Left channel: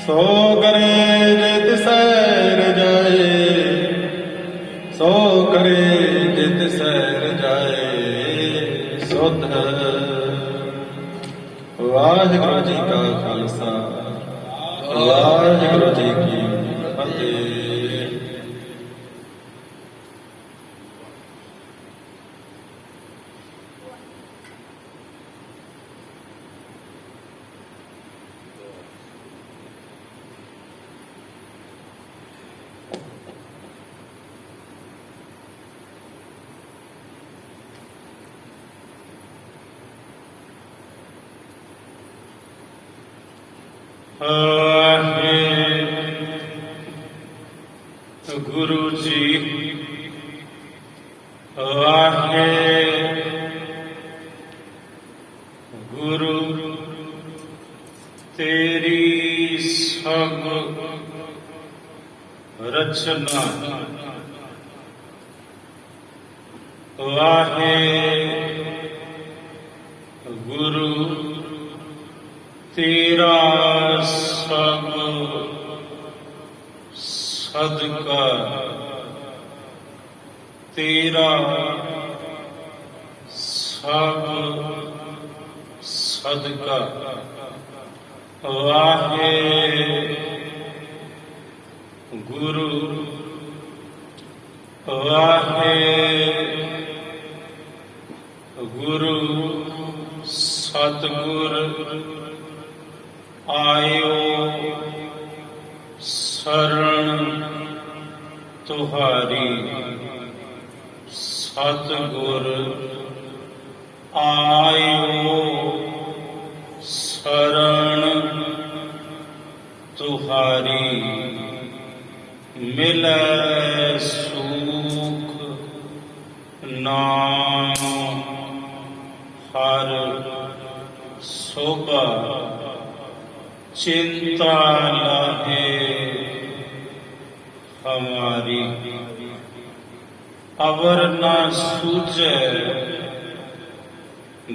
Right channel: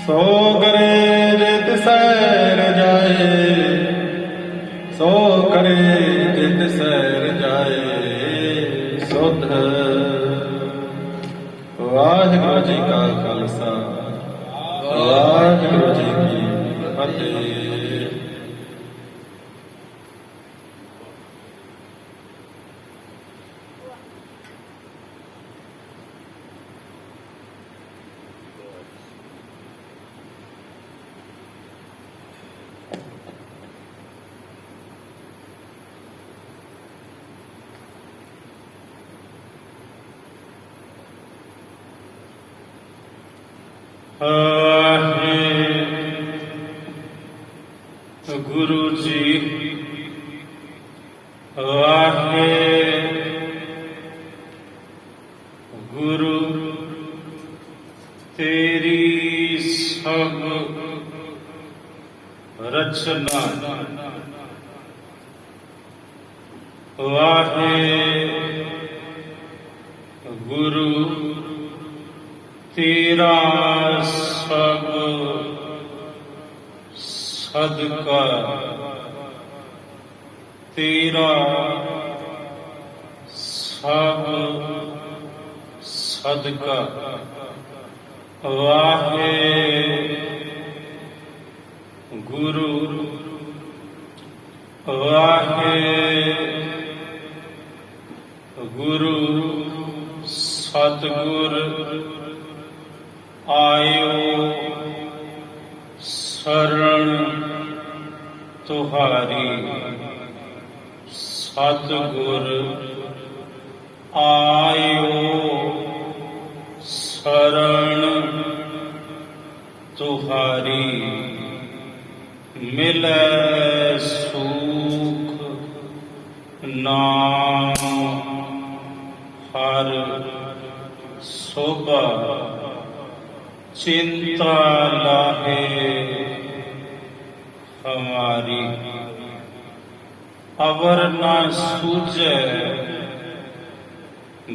सो करे जित सैर जाए, सो करे जित सैर जाए सुध। वाहिगुरू जी का खालसा, वाहिगुरू जी की फतेह। गुरु जी वाहे गुरु तेरी सब रचना, वाहे गुरु तेरा सब सदका, तेरा सब सदका। वाहे गुरु वाहे गुरु सतगुर आयो शरण तुहारी। सतगुर आयो शरण तुहारी। मिलै सुख नाम हर सोभा। चिंता लाहे हमारी। अवर न सूझे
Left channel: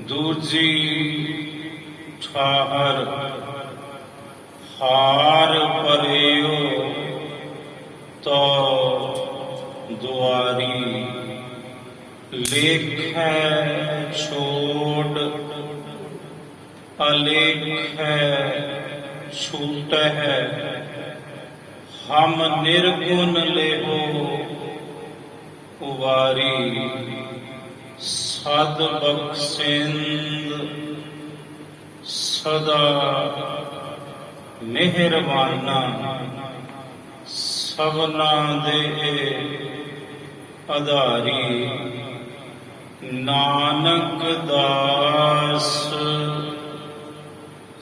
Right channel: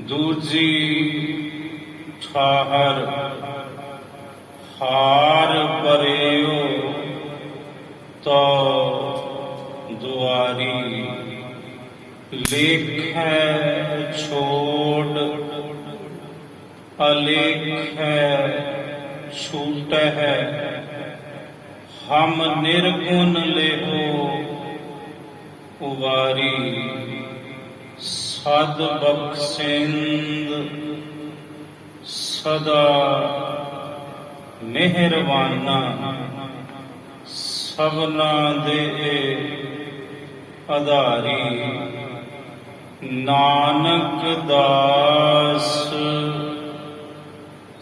दूजी ठाहर। हार परेयो तो दुआरी। लेख छोड़ अलेख छूट है। हम निर्गुण लेहो उवारी। सद बख्शिंद सदा मेहरबाना। सबना दे आधारी। नानक दास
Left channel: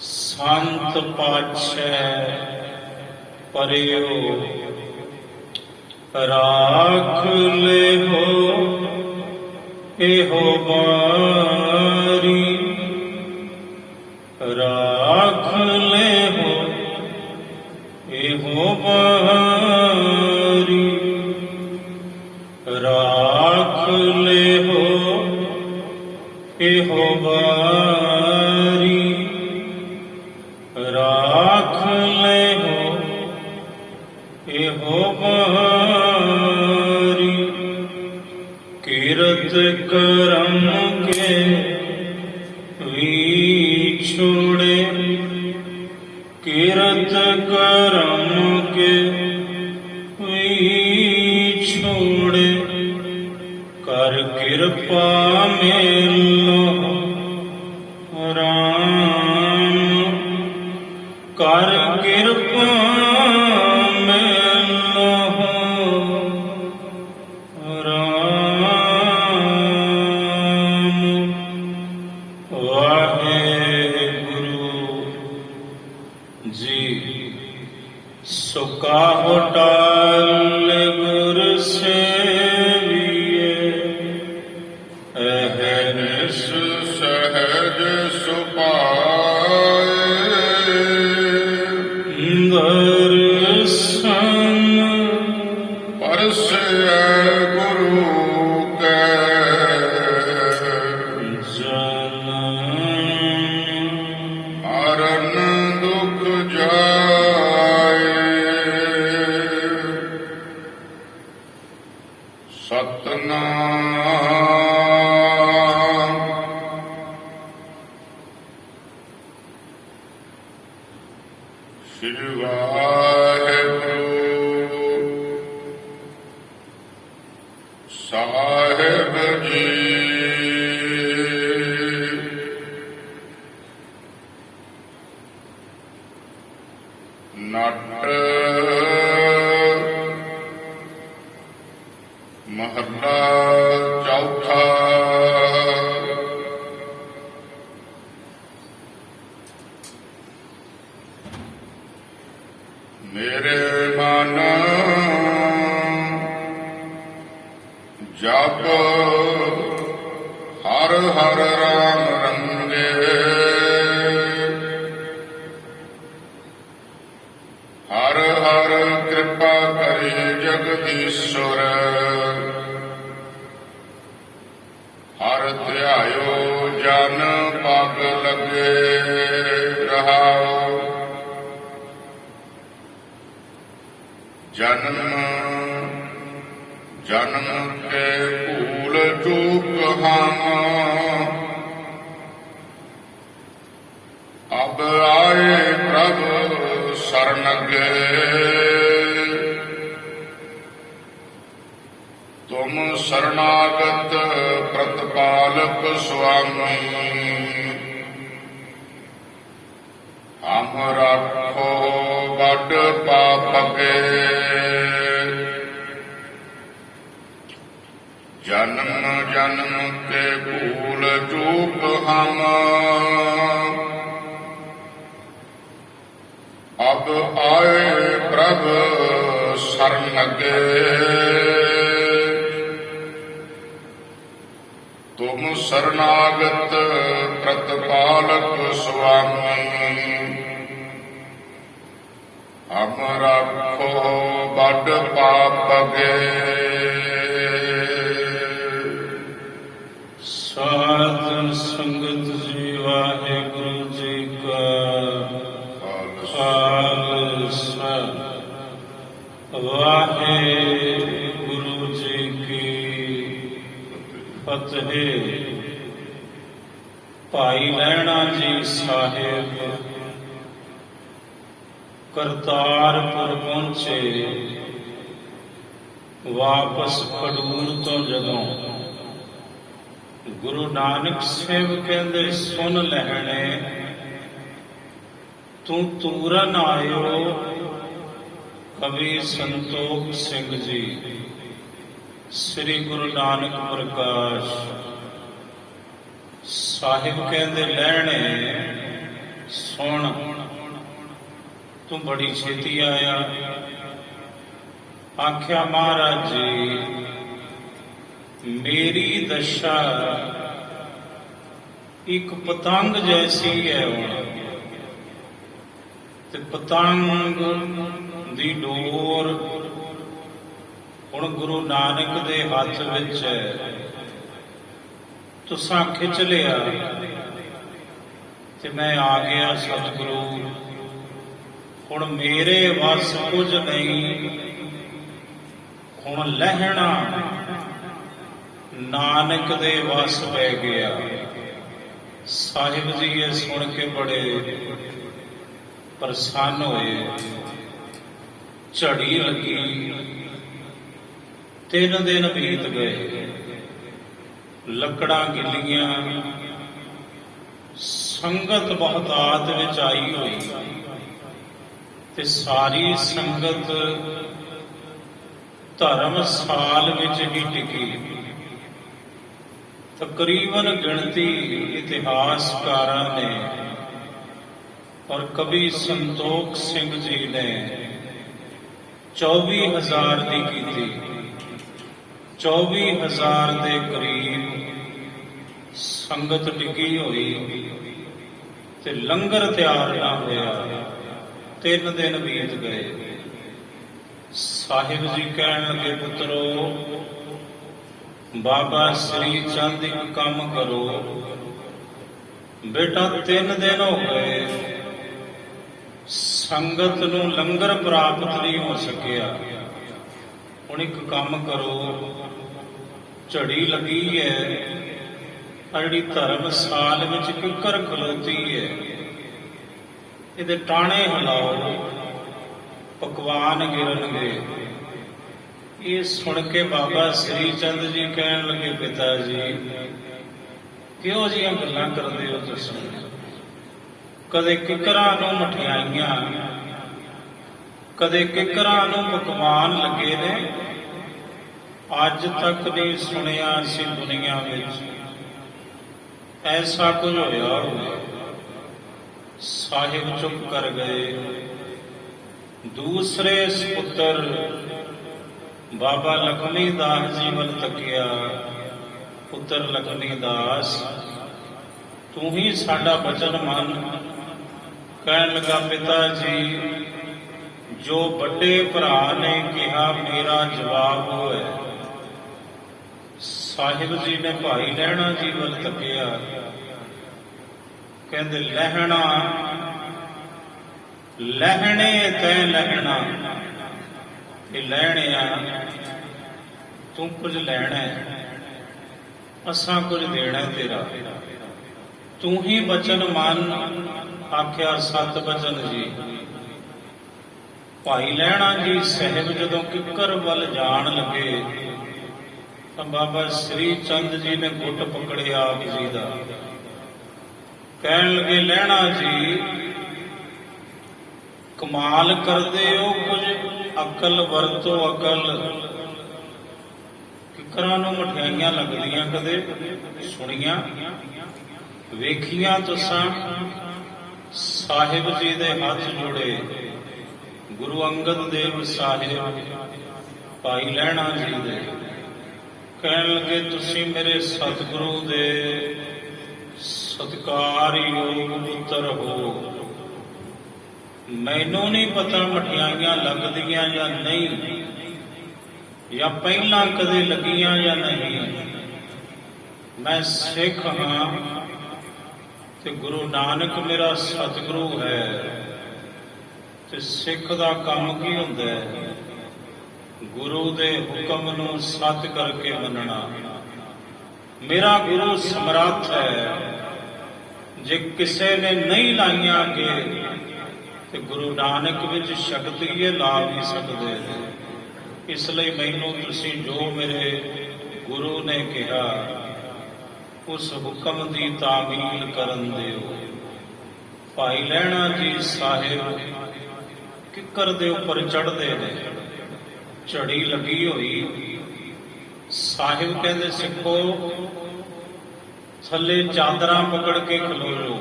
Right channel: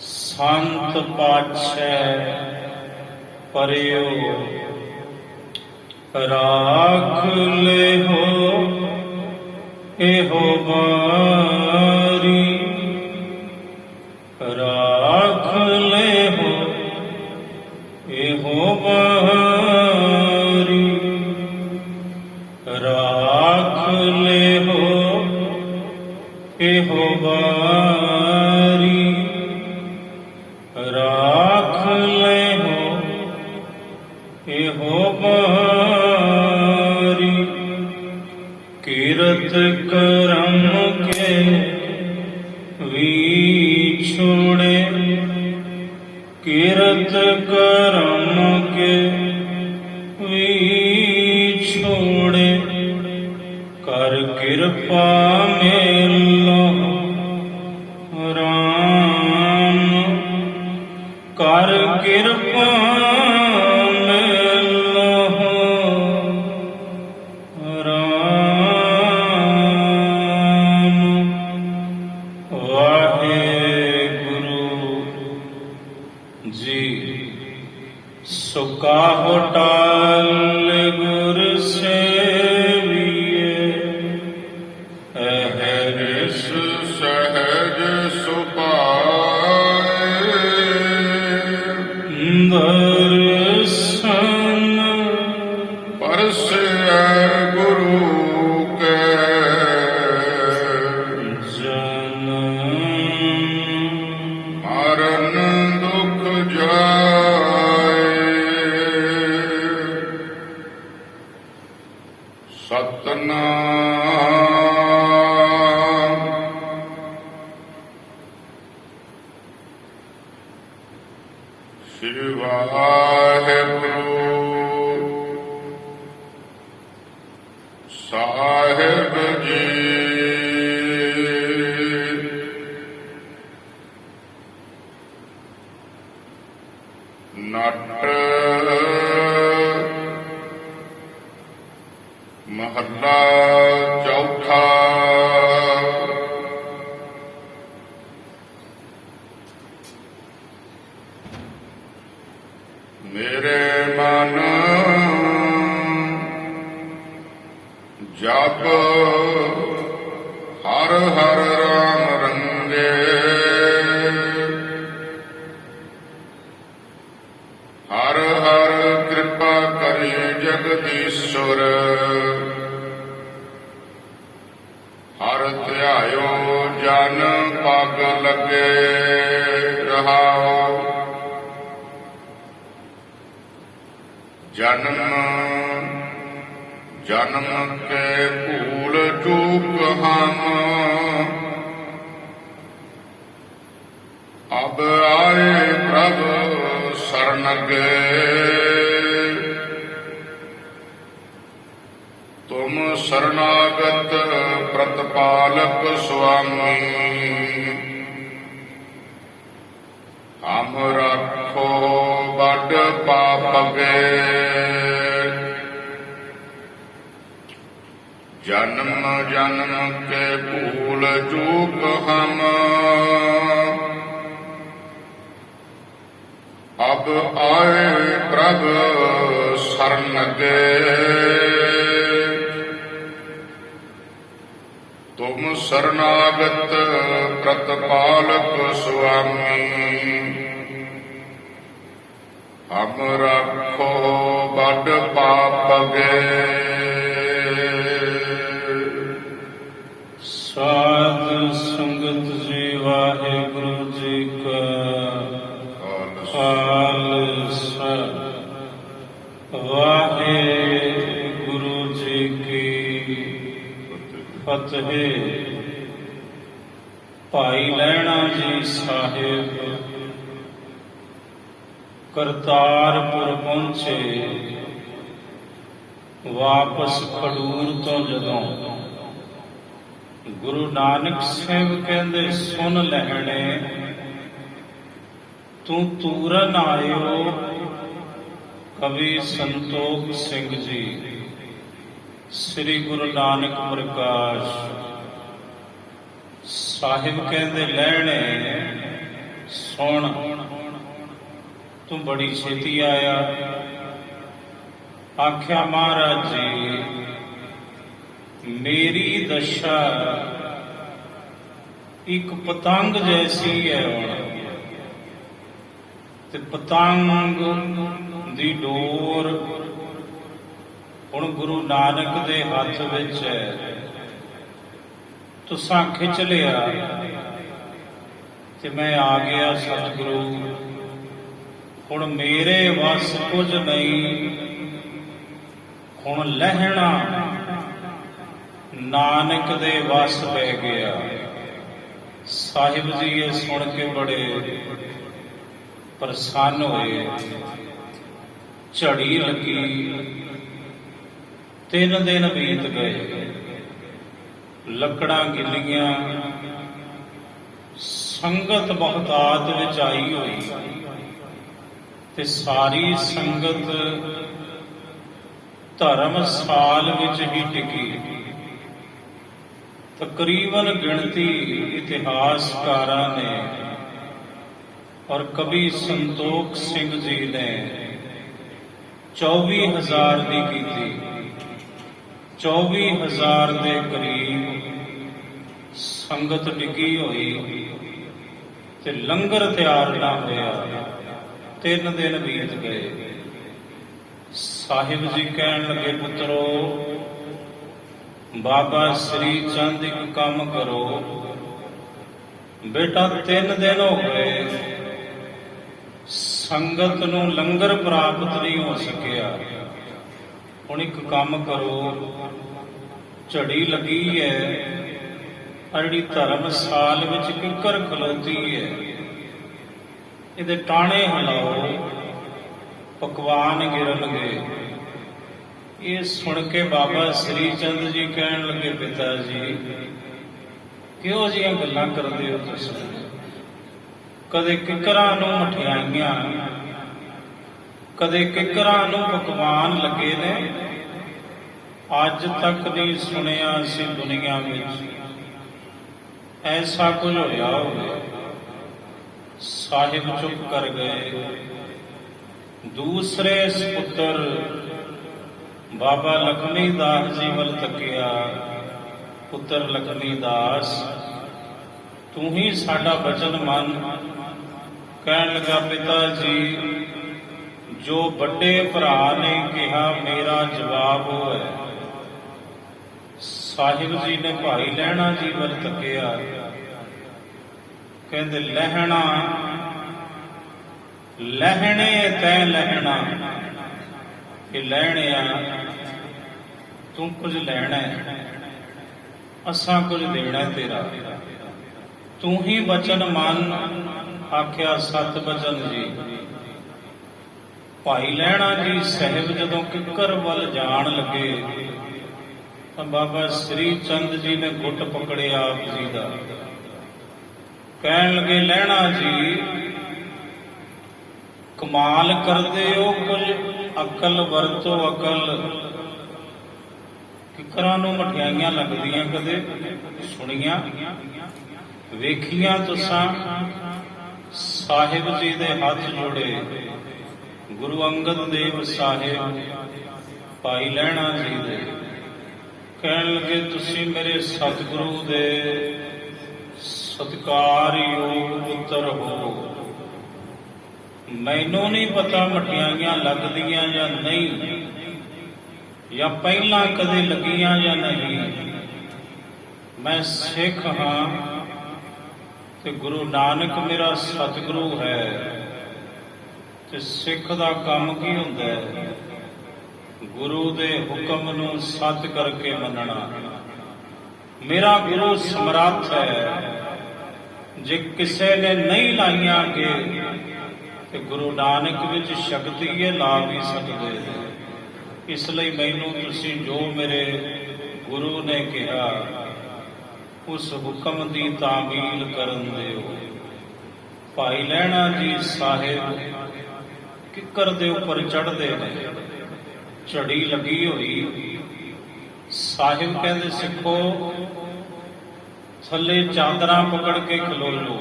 संत पातशाह परियो। राख ले हो एहो बारी। राख ले हो एहो बारी। राख ले हो एहो बारी। राख ले हो एहो बारी। कीरत करम के विछोड़े। कीरत करम के विछोड़े। कर कृपा मेलो राम। कर कृपा मेलो राम। वाहेगुरु जी सुका होटाल गुर सेविए। अहर्निश सहज सुपाए। दर्शन परसे गुरु के। जन ਸ੍ਰੀ ਵਾਹਿਗੁਰੂ ਸਾਹਿਬ ਜੀ। ਨਟ ਮਹੱਲਾ ਚੌਥਾ। ਮੇਰੇ ਮਨ ਜਪ ਹਰ ਹਰ ਰਾਮ ਰੰਗੇ, ਹਰ ਹਰ ਕਿਰਪਾ ਕਰੀ ਜਗਦੀਸ਼ਵਰ, ਹਰ ਧਿਆਇਓ ਜਨ ਪਗ ਲਗੇ ਰਹਾਓ। ਜਨਮ ਜਨਮ ਕੇ ਭੂਲ ਚੂਕ ਹਮ, ਅਬ ਆਏ ਪ੍ਰਭ ਸਰਣ ਗਏ। ਤੁਮ ਸਰਨਾਗਤ ਪ੍ਰਤਪਾਲਕ ਸੁਆਮੀ, ਹਮ ਰਾਖੋ ਬਡ ਪਾਪਗੇ। ਜਨਮ ਜਨਮ ਕੇ ਭੂਲ ਚੂਕ ਹਮ, ਅਬ ਆਏ ਪ੍ਰਭ ਸਰਣ ਗਏ। ਤੁਮ ਸਰਨਾਗਤ ਪ੍ਰਤਪਾਲਕ ਸੁਆਮੀ, ਹਮ ਰਾਖੋ ਬਡ ਪਾਪਗੇ। ਸਾਧ ਸੰਗਤ ਜੀ, ਵਾਹਿਗੁਰੂ ਜੀ ਕਾ ਖਾਲਸਾ, ਵਾਹਿਗੁਰੂ ਜੀ ਕੀ ਫਤਿਹ। ਭਾਈ ਲਹਿਣਾ ਜੀ ਸਾਹਿਬ ਕਰਤਾਰਪੁਰ ਪਹੁੰਚੇ। ਵਾਪਸ ਖਡੂਰ ਤੋਂ ਜਦੋਂ ਗੁਰੂ ਨਾਨਕ ਸਾਹਿਬ ਕਹਿੰਦੇ, ਸੁਣ ਲੈਣੇ ਤੂੰ ਤੂਰਨ ਆਇਓ। ਕਵੀ ਸੰਤੋਖ ਸਿੰਘ ਜੀ, ਸ੍ਰੀ ਗੁਰੂ ਨਾਨਕ ਪ੍ਰਕਾਸ਼ ਸਾਹਿਬ ਕਹਿੰਦੇ, ਲੈਣੇ ਸੁਣ, ਤੂੰ ਬੜੀ ਛੇਤੀ ਆਇਆ। ਆਖਿਆ, ਮਹਾਰਾਜ ਜੀ ਮੇਰੀ ਦਸ਼ਾ ਇੱਕ ਪਤੰਗ ਜੈਸੀ ਹੈ, ਤੇ ਪਤੰਗ ਦੀ ਡੋਰ ਹੁਣ ਗੁਰੂ ਨਾਨਕ ਦੇ ਹੱਥ ਵਿੱਚ ਹੈ। ਤੁਸਾਂ ਖਿੱਚ ਲਿਆ ਤੇ ਮੈਂ ਆ ਗਿਆ ਸਤਿਗੁਰੂ। ਹੁਣ ਮੇਰੇ ਵੱਸ ਕੁਝ ਨਹੀਂ, ਹੁਣ ਲਹਿਣਾ ਨਾਨਕ ਦੇ ਵੱਸ ਪੈ ਗਿਆ। ਸਾਹਿਬ ਜੀ ਇਹ ਸੁਣ ਕੇ ਬੜੇ ਪ੍ਰਸੰਨ ਹੋਏ। ਝੜੀ ਲੱਗੀ, 3 ਦਿਨ ਬੀਤ ਗਏ। ਲੱਕੜਾਂ ਗਿੱਲੀਆਂ, ਸੰਗਤ ਬਹੁਤਾਤ ਵਿੱਚ ਆਈ ਹੋਈ, ਤੇ ਸਾਰੀ ਸੰਗਤ ਧਰਮਸਾਲ ਵਿੱਚ ਹੀ ਟਿਕੀ। ਤਕਰੀਬਨ ਗਿਣਤੀ ਇਤਿਹਾਸਕਾਰਾਂ ਨੇ ਔਰ ਕਵੀ ਸੰਤੋਖ ਸਿੰਘ ਜੀ ਨੇ 24,000 ਦੀ ਕੀਤੀ। 24,000 ਦੇ ਕਰੀਬ ਸੰਗਤ ਟਿਕੀ ਹੋਈ ਤੇ ਲੰਗਰ ਤਿਆਰ ਨਾ ਹੋਇਆ। 3 ਦਿਨ ਬੀਤ ਗਏ। ਸਾਹਿਬ ਜੀ ਕਹਿਣ ਲੱਗੇ, ਪੁੱਤਰੋ ਬਾਬਾ ਸ੍ਰੀ ਚੰਦ ਇੱਕ ਕੰਮ ਕਰੋ। ਬੇਟਾ 3 ਦਿਨ ਹੋ ਗਏ, ਸੰਗਤ ਨੂੰ ਲੰਗਰ ਪ੍ਰਾਪਤ ਨਹੀਂ ਹੋ ਸਕਿਆ। ਹੁਣ ਇੱਕ ਕੰਮ ਕਰੋ, ਝੜੀ ਲੱਗੀ ਹੈ, ਜਿਹੜੀ ਧਰਮਸਾਲ ਵਿੱਚ ਕਿੱਕਰ ਖਲੋਤੀ ਹੈ, ਇਹਦੇ ਟਾਣੇ ਹਿਲਾਓ, ਪਕਵਾਨ ਗਿਰਨਗੇ। ਇਹ ਸੁਣ ਕੇ ਬਾਬਾ ਸ੍ਰੀ ਚੰਦ ਜੀ ਕਹਿਣ ਲੱਗੇ, ਪਿਤਾ ਜੀ ਕਿਹੋ ਜਿਹੀਆਂ ਗੱਲਾਂ ਕਰਦੇ ਹੋ ਤੁਸੀਂ? ਕਦੇ ਕਿੱਕਰਾਂ ਨੂੰ ਮਠਿਆਈਆਂ, ਕਦੇ ਕਿੱਕਰਾਂ ਨੂੰ ਪਕਵਾਨ ਲੱਗੇ ਨੇ, ਅੱਜ ਤੱਕ ਨਹੀਂ ਸੁਣਿਆ ਅਸੀਂ ਦੁਨੀਆ ਵਿੱਚ ਐਸਾ ਕੁਝ ਹੋਇਆ ਹੋਵੇ। ਸਾਹਿਬ ਚੁੱਪ ਕਰ ਗਏ। ਦੂਸਰੇ ਸਪੁੱਤਰ ਬਾਬਾ ਲਖਮੀ ਦਾਸ ਜੀ ਵੱਲ ਤੱਕਿਆ। ਪੁੱਤਰ ਲਖਮੀ ਦਾਸ, ਤੂੰ ਹੀ ਸਾਡਾ ਬਚਨ ਮੰਨ। ਕਹਿਣ ਲੱਗਾ, ਪਿਤਾ ਜੀ ਜੋ ਵੱਡੇ ਭਰਾ ਨੇ ਕਿਹਾ ਮੇਰਾ ਜਵਾਬ ਉਹ ਹੈ। ਸਾਹਿਬ ਜੀ ਨੇ ਭਾਈ ਲਹਿਣਾ ਜੀ ਵੱਲ ਤੱਕਿਆ। ਕਹਿੰਦੇ, ਲਹਿਣਾ ਲਹਿਣੇ ਤੈ ਲਹਿਣਾ, ਇਹ ਲਹਿਣਿਆ ਤੂੰ ਕੁਝ ਲੈਣਾ ਹੈ, ਅਸਾਂ ਕੁਝ ਦੇਣਾ ਤੇਰਾ। ਤੂੰ ਹੀ ਬਚਨ ਮੰਨ। ਆਖਿਆ ਸਤ ਬਚਨ ਜੀ। ਭਾਈ ਲਹਿਣਾ ਜੀ ਸਾਹਿਬ ਜਦੋਂ ਕਿੱਕਰ ਵੱਲ ਜਾਣ ਲੱਗੇ ਤਾਂ ਬਾਬਾ ਸ੍ਰੀ ਚੰਦ ਜੀ ਨੇ ਗੁੱਟ ਪਕੜਿਆ ਆਪ ਜੀ ਦਾ। ਕਹਿਣ ਲੱਗੇ, ਲਹਿਣਾ ਜੀ ਕਮਾਲ ਕਰਦੇ ਹੋ, ਕੁਝ ਅਕਲ ਵਰਤੋ, ਅਕਲ। ਕਿੱਕਰਾਂ ਨੂੰ ਮਠਿਆਈਆਂ ਲੱਗਦੀਆਂ ਕਦੇ ਸੁਣੀਆਂ ਵੇਖੀਆਂ ਤੁਸਾਂ? ਸਾਹਿਬ ਜੀ ਦੇ ਹੱਥ ਜੋੜੇ। ਗੁਰੂ ਅੰਗਦ ਦੇਵ ਸਾਹਿਬ ਭਾਈ ਲਹਿਣਾ ਜੀ ਦੇ ਕਹਿਣ ਲੱਗੇ, ਤੁਸੀਂ ਮੇਰੇ ਸਤਿਗੁਰੂ ਦੇ ਸਤਿਕਾਰਯੋਗ ਪੁੱਤਰ ਹੋ। ਮੈਨੂੰ ਨਹੀਂ ਪਤਾ ਮਠਿਆਈਆਂ ਲੱਗਦੀਆਂ ਜਾਂ ਨਹੀਂ, ਜਾਂ ਪਹਿਲਾਂ ਕਦੇ ਲੱਗੀਆਂ ਜਾਂ ਨਹੀਂ। ਮੈਂ ਸਿੱਖ ਹਾਂ ਤੇ ਗੁਰੂ ਨਾਨਕ ਮੇਰਾ ਸਤਿਗੁਰੂ ਹੈ। ਤੇ ਸਿੱਖ ਦਾ ਕੰਮ ਕੀ ਹੁੰਦਾ ਹੈ? ਗੁਰੂ ਦੇ ਹੁਕਮ ਨੂੰ ਸੱਚ ਕਰਕੇ ਮੰਨਣਾ। ਮੇਰਾ ਗੁਰੂ ਸਮਰੱਥ ਹੈ। ਜੇ ਕਿਸੇ ਨੇ ਨਹੀਂ ਲਾਈਆਂ ਅੱਗੇ ਤੇ ਗੁਰੂ ਨਾਨਕ ਵਿੱਚ ਸ਼ਕਤੀ ਹੈ, ਲਾ ਵੀ ਸਕਦੇ ਨੇ। ਇਸ ਲਈ ਮੈਨੂੰ ਤੁਸੀਂ ਜੋ ਮੇਰੇ ਗੁਰੂ ਨੇ ਕਿਹਾ ਉਸ ਹੁਕਮ ਦੀ ਤਾਮੀਲ ਕਰਨ ਦਿਓ। ਭਾਈ ਲਹਿਣਾ ਜੀ ਸਾਹਿਬ ਕਿੱਕਰ ਦੇ ਉੱਪਰ ਚੜ੍ਹਦੇ ਨੇ। ਝੜੀ ਲੱਗੀ ਹੋਈ। ਸਾਹਿਬ ਕਹਿੰਦੇ, ਸਿੱਖੋ ਥੱਲੇ ਚਾਦਰਾਂ ਪਕੜ ਕੇ ਖਲੋ ਜਾਓ।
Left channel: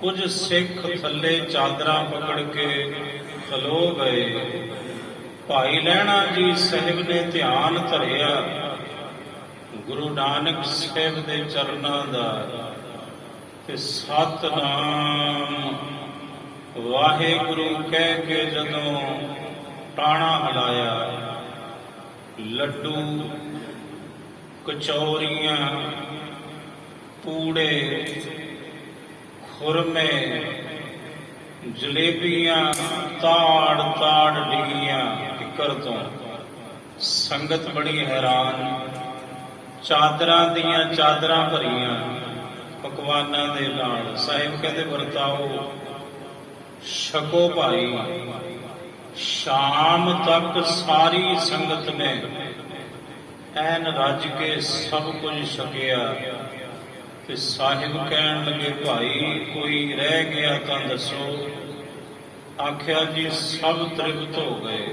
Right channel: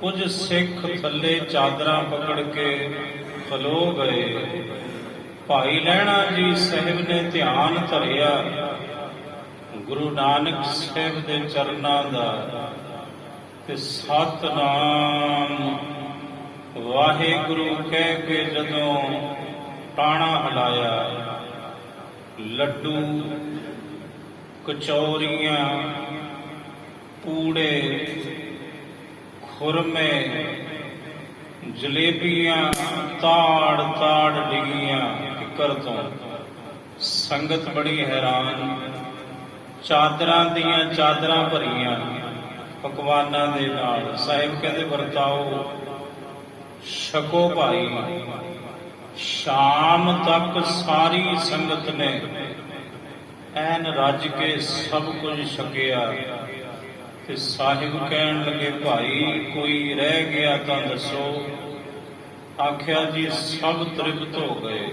ਕੁਝ ਸਿੱਖ ਥੱਲੇ ਚਾਦਰਾਂ ਪਕੜ ਕੇ ਖਲੋ ਗਏ। ਭਾਈ ਲਹਿਣਾ ਜੀ ਸਾਹਿਬ ਨੇ ਧਿਆਨ ਧਰਿਆ ਗੁਰੂ ਨਾਨਕ ਸਾਹਿਬ ਦੇ ਚਰਨਾਂ ਦਾ ਤੇ ਸਤਿਨਾਮ ਵਾਹਿਗੁਰੂ ਕਹਿ ਕੇ ਜਦੋਂ ਟਾਣਾ ਹਿਲਾਇਆ, ਲੱਡੂ, ਕਚੌਰੀਆਂ, ਪੂੜੇ, ਖੁਰਮੇ, ਜਲੇਬੀਆਂ ਤਾੜ ਤਾੜ ਡਿੱਗੀਆਂ ਕਿੱਕਰ ਤੋਂ। ਸੰਗਤ ਬੜੀ ਹੈਰਾਨ। ਚਾਦਰਾਂ ਦੀਆਂ ਚਾਦਰਾਂ ਭਰੀਆਂ ਪਕਵਾਨਾਂ ਦੇ ਨਾਲ। ਸਾਹਿਬ ਕਹਿੰਦੇ, ਵਰਤਾਓ, ਛਕੋ ਭਾਈ। ਸ਼ਾਮ ਤੱਕ ਸਾਰੀ ਸੰਗਤ ਨੇ ਐਨ ਰੱਜ ਕੇ ਸਭ ਕੁਝ ਛਕਿਆ। ਤੇ ਸਾਹਿਬ ਕਹਿਣ ਲੱਗੇ, ਭਾਈ ਕੋਈ ਰਹਿ ਗਿਆ ਤਾਂ ਦੱਸੋ। ਆਖਿਆ ਜੀ ਸਭ ਤ੍ਰਿਪਤ ਹੋ ਗਏ।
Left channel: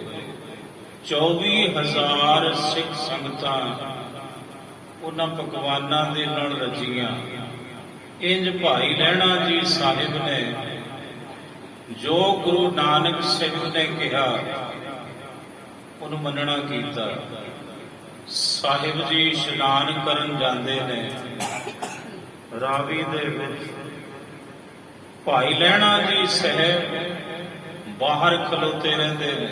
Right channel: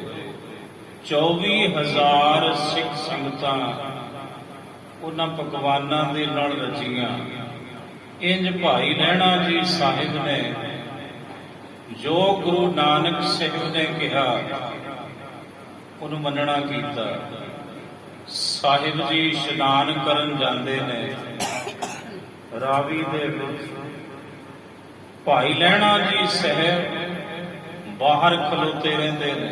24,000 ਸਿੱਖ ਸੰਗਤਾਂ ਉਹਨਾਂ ਪਕਵਾਨਾਂ ਦੇ ਨਾਲ ਰੱਜੀਆਂ। ਇੰਜ ਭਾਈ ਲਹਿਣਾ ਜੀ ਸਾਹਿਬ ਨੇ ਜੋ ਗੁਰੂ ਨਾਨਕ ਸਾਹਿਬ ਨੇ ਕਿਹਾ ਉਹਨੂੰ ਮੰਨਣਾ ਕੀਤਾ। ਸਾਹਿਬ ਜੀ ਇਸ਼ਨਾਨ ਕਰਨ ਜਾਂਦੇ ਨੇ ਰਾਵੀ ਦੇ ਵਿੱਚ। ਭਾਈ ਲਹਿਣਾ ਜੀ ਸਾਹਿਬ ਬਾਹਰ ਖਲੋਤੇ ਰਹਿੰਦੇ ਨੇ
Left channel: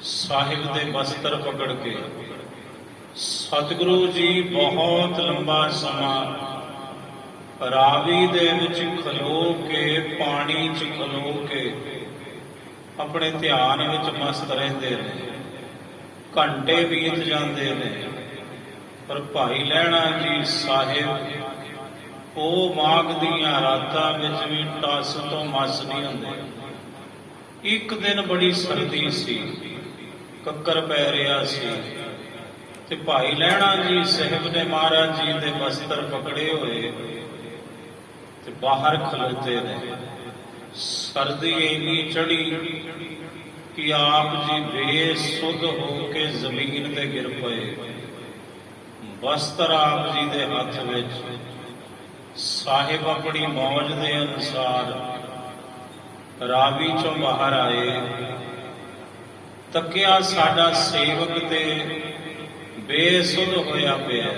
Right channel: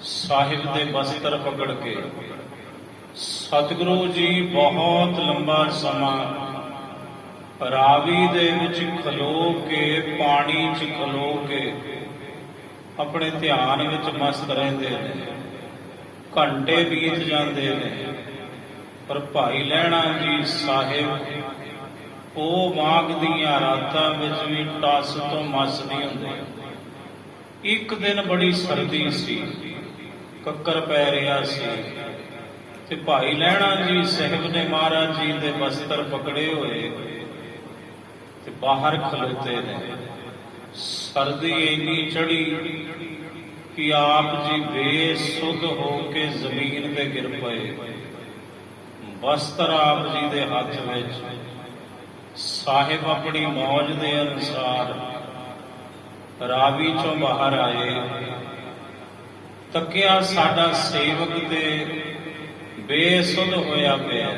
ਸਾਹਿਬ ਦੇ ਬਸਤਰ ਪਕੜ ਕੇ। ਸਤਿਗੁਰੂ ਜੀ ਬਹੁਤ ਲੰਬਾ ਸਮਾਂ ਰਾਵੀ ਦੇ ਵਿੱਚ ਖਲੋ ਕੇ, ਪਾਣੀ 'ਚ ਖਲੋ ਕੇ ਆਪਣੇ ਧਿਆਨ ਵਿੱਚ ਮਸਤ ਰਹਿੰਦੇ ਨੇ। ਘੰਟੇ ਬੀਤ ਜਾਂਦੇ ਨੇ ਪਰ ਭਾਈ ਲਹਿਣਾ ਜੀ ਸਾਹਿਬ ਉਹ ਮਾਘ ਦੀਆਂ ਰਾਤਾਂ ਵਿੱਚ ਵੀ ਟਸ ਤੋਂ ਮਸ ਨਹੀਂ ਹੁੰਦੇ। ਇੱਕ ਦਿਨ ਬੜੀ ਸਰਦੀ ਸੀ, ਕੱਕਰ ਪੈ ਰਿਹਾ ਸੀ, ਤੇ ਭਾਈ ਲਹਿਣਾ ਜੀ ਸਾਹਿਬ ਨੇ ਮਹਾਰਾਜ ਜੀ ਦੇ ਵਸਤਰ ਪਕੜੇ ਹੋਏ ਤੇ ਬਾਹਰ ਖਲੋਤੇ ਨੇ। ਸਰਦੀ ਇੰਨੀ ਚੜੀ ਕਿ ਆਪ ਜੀ ਬੇਸੁੱਧ ਹੋ ਕੇ ਜ਼ਮੀਨ ਤੇ ਗਿਰ ਪਏ। ਵਸਤਰ ਆਪ ਜੀ ਦੇ ਹੱਥ ਵਿੱਚ। ਸਾਹਿਬ ਆਪਣੀ ਮੌਜ ਦੇ ਅਨੁਸਾਰ ਰਾਵੀ ਚੋਂ ਬਾਹਰ ਆਏ। ਤੱਕਿਆ ਸਾਡਾ ਸੇਵਕ ਤੇ ਬੇਸੁੱਧ ਹੋਇਆ ਪਿਆ।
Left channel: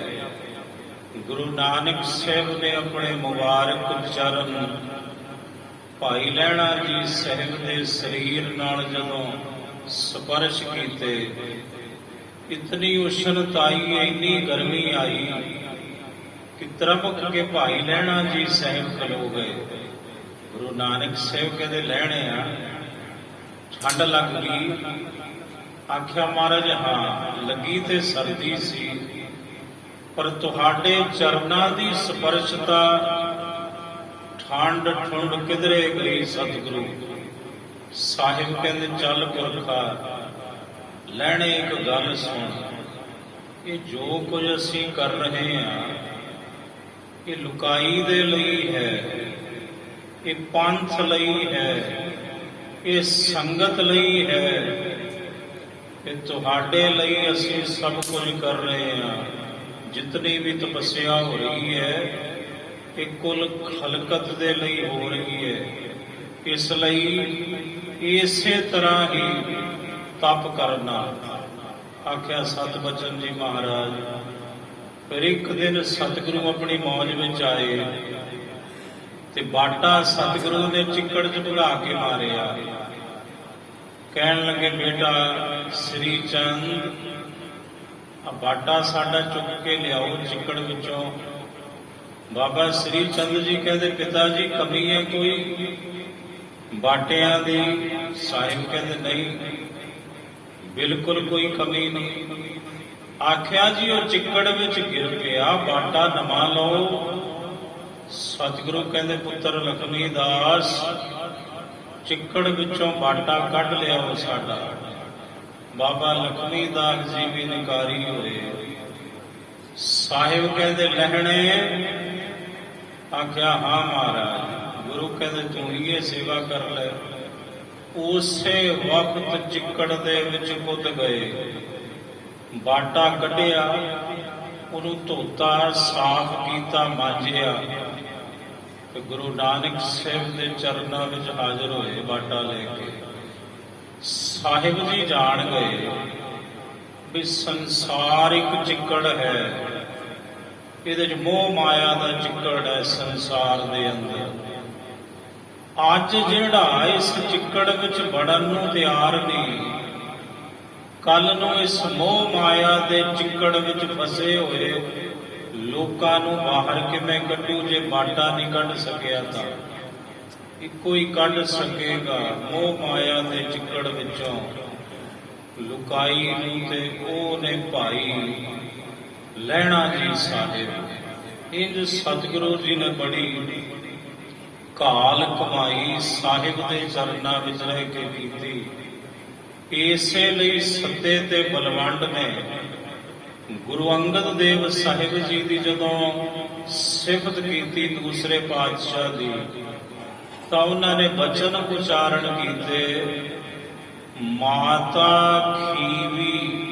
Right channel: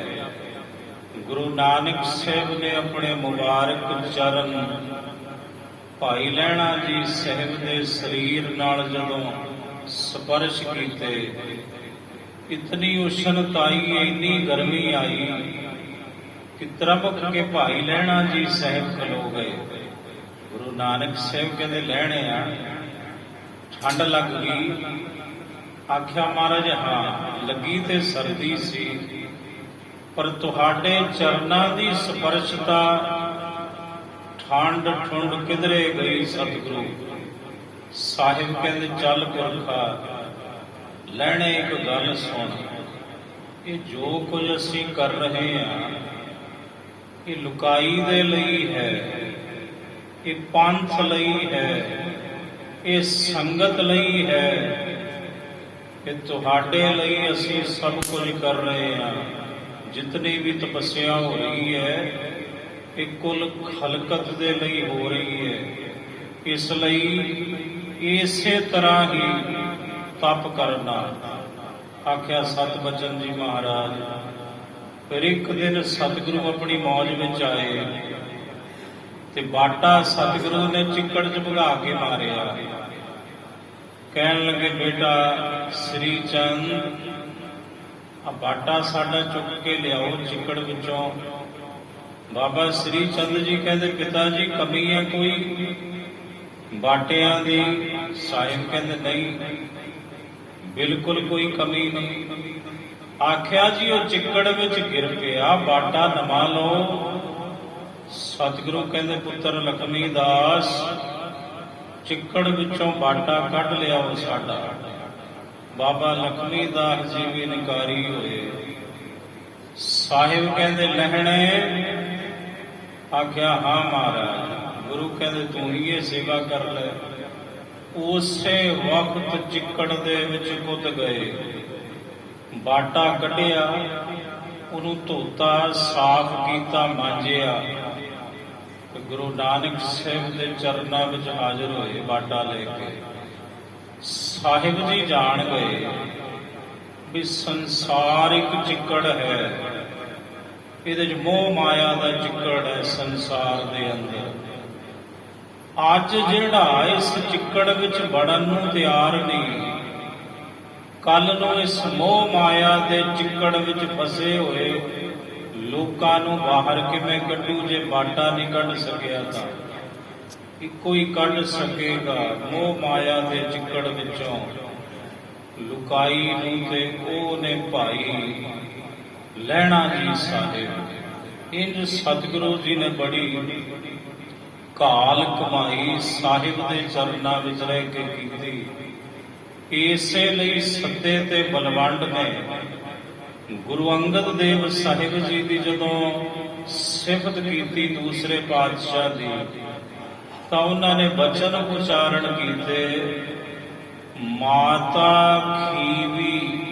ਗੁਰੂ ਨਾਨਕ ਸਾਹਿਬ ਨੇ ਆਪਣੇ ਮੁਬਾਰਕ ਚਰਨ ਭਾਈ ਲਹਿਣਾ ਜੀ ਸਾਹਿਬ ਦੇ ਸਰੀਰ ਨਾਲ ਜਦੋਂ ਸਪਰਸ਼ ਕੀਤੇ, ਇਤਨੀ ਉਸ਼ਣਤ ਆਈ, ਇੰਨੀ ਗਰਮੀ ਆਈ ਕਿ ਤਰਪਕ ਕੇ ਭਾਈ ਲਹਿਣਾ ਜੀ ਸਾਹਿਬ ਖਲੋ ਗਏ। ਗੁਰੂ ਨਾਨਕ ਸਾਹਿਬ ਕਹਿੰਦੇ ਲਹਿਣੇ ਆ, ਠੰਡ ਲੱਗ ਗਈ? ਆਖਿਆ ਮਹਾਰਾਜ ਹਾਂ ਲੱਗੀ ਤੇ ਸਰਦੀ ਸੀ, ਪਰ ਤੁਹਾਡੇ ਚਰਨਾਂ ਦੀ ਸਪਰਸ਼ਤਾ ਠੰਡ ਠੁੰਡ ਕਿਧਰੇ ਗਈ ਸਤਿਗੁਰੂ। ਸਾਹਿਬ ਕਹਿੰਦੇ ਚੱਲ ਪੁਰਖਾ ਲੈਣੇ ਇੱਕ ਗੱਲ ਸੁਣ, ਇਹ ਜੋ ਕੁਝ ਅਸੀਂ ਕਰ ਰਹੇ ਹਾਂ ਇਹ ਲੁਕਾਈ ਦੇ ਲਈ ਹੈ, ਇਹ ਪੰਥ ਲਈ ਹੈ, ਇਹ ਸੰਗਤ ਲਈ ਹੈ, ਇਹ ਤੁਹਾਡੇ ਲਈ ਅਸੀਂ ਸਭ ਕੁਝ ਕਰ ਰਹੇ ਹਾਂ। ਜਿਤਨੀ ਵੀ ਤਪੱਸਿਆ ਹੋ ਰਹੀ ਹੈ ਇਹ ਕੁੱਲ ਖਲਕਤ ਦੇ ਲਈ ਹੋ ਰਹੀ ਹੈ। ਇਸ ਲਈ ਇਸੇ ਤਰ੍ਹਾਂ ਹੀ ਤਪ ਕਰਨਾ। ਆਖਿਆ ਸਤ ਬਚਨ ਜੀ ਮਹਾਰਾਜ। ਫਿਰ ਇੱਕ ਦਿਨ ਸਤਿਗੁਰੂ ਆਪਣੀ ਮੌਜ ਵਿੱਚ ਆਏ ਤੇ ਬਾਟਾ ਸਤਿਗੁਰੂ ਨੇ ਚਿੱਕੜ 'ਚ ਭਗਾ ਕੇ ਮਾਰਿਆ। ਕਹਿਣ ਲੱਗੇ ਬੇਟਾ ਸ੍ਰੀ ਚੰਦ ਆ ਬਾਟਾ ਸਾਡਾ ਚੁੱਕ ਕੇ ਲਿਆਓ ਚਿੱਕੜ ਵਿੱਚੋਂ। ਬਾਬਾ ਸ੍ਰੀ ਚੰਦ ਜੀ ਕਹਿੰਦੇ ਪਿਤਾ ਜੀ ਕਮੀ ਹੈ ਕੋਈ ਬਾਟਿਆਂ ਦੀ? ਸਾਹਿਬ ਕਹਿੰਦੇ ਨਹੀਂ, ਬਿਲਕੁਲ ਕੋਈ ਕਮੀ ਨਹੀਂ। ਆਖਿਆ ਜੀ ਉਹ ਚਿੱਕੜ ਵਿੱਚ ਗਿਰ ਪਿਆ, ਬਾਟਾ ਨਵਾ ਲਓ। ਸਤਿਗੁਰੂ ਕਹਿੰਦੇ ਪੁੱਤਰ ਲਖਮੀ ਦਾਸ ਚਿੱਕੜ ਵਿੱਚੋਂ ਬਾਟਾ ਕੱਢ ਲਿਆਓ ਸਾਡਾ। ਬਾਬਾ ਲਖਮੀ ਦਾਸ ਜੀ ਵੀ ਇਨਕਾਰੀ ਹੋਏ। ਸਾਹਿਬ ਕਹਿੰਦੇ ਲਹਿਣੇ? ਆਖਿਆ ਹਾਂ ਮਹਾਰਾਜ। ਗੁਰੂ ਕਹਿੰਦੇ ਤੂੰ ਇਹ ਸੇਵਾ ਕਰ ਲੈ। ਉਸੇ ਵਕਤ ਚਿੱਕੜ ਦੇ ਵਿੱਚ ਕੁੱਦ ਗਏ, ਬਾਟਾ ਕੱਢਿਆ, ਉਹਨੂੰ ਧੋਤਾ, ਸਾਫ਼ ਕੀਤਾ, ਮਾਂਜਿਆ ਤੇ ਗੁਰੂ ਨਾਨਕ ਸਾਹਿਬ ਦੇ ਚਰਨਾਂ ਵਿੱਚ ਹਾਜ਼ਰ ਹੋਏ ਬਾਟਾ ਲੈ ਕੇ। ਸਾਹਿਬ ਜੀ ਜਾਣ ਗਏ ਵੀ ਸੰਸਾਰ ਇੱਕ ਚਿੱਕੜ ਹੈ, ਇਹਦੇ 'ਚ ਮੋਹ ਮਾਇਆ ਦਾ ਚਿੱਕੜ ਹੈ ਸੰਸਾਰ ਦੇ ਅੰਦਰ। ਅੱਜ ਜਿਹੜਾ ਇਸ ਚਿੱਕੜ ਵਿੱਚ ਵੜਨ ਨੂੰ ਤਿਆਰ ਨਹੀਂ, ਕੱਲ ਨੂੰ ਇਸ ਮੋਹ ਮਾਇਆ ਦੇ ਚਿੱਕੜ ਵਿੱਚ ਫਸੇ ਹੋਏ ਲੋਕਾਂ ਨੂੰ ਬਾਹਰ ਕਿਵੇਂ ਕੱਢੂ? ਜੇ ਬਾਟਾ ਨਹੀਂ ਕੱਢ ਸਕਿਆ ਤਾਂ ਇੱਕੋ ਹੀ ਕੱਢ ਸਕੇਗਾ ਮੋਹ ਮਾਇਆ ਦੇ ਚਿੱਕੜ ਵਿੱਚੋਂ ਲੁਕਾਈ ਨੂੰ, ਤੇ ਉਹ ਨੇ ਭਾਈ ਲਹਿਣਾ ਜੀ ਸਾਹਿਬ। ਇੰਜ ਸਤਿਗੁਰੂ ਜੀ ਨੇ ਬੜੀ ਕਾਲ ਕਮਾਈ ਸਾਹਿਬ ਦੇ ਚਰਨਾਂ ਵਿੱਚ ਰਹਿ ਕੇ ਕੀਤੀ। ਇਸੇ ਲਈ ਸੱਦੇ ਤੇ ਬਲਵੰਡ ਨੇ ਗੁਰੂ ਅੰਗਦ ਦੇਵ ਸਾਹਿਬ ਜੀ ਦੀ ਜਦੋਂ ਸਿਫਤ ਕੀਤੀ ਦੂਸਰੇ ਪਾਤਸ਼ਾਹ ਦੀ, ਤਾਂ ਉਹਨਾਂ ਨੇ ਬਚਨ ਉਚਾਰਨ ਕੀਤੇ, ਮਾਤਾ ਖੀਵੀ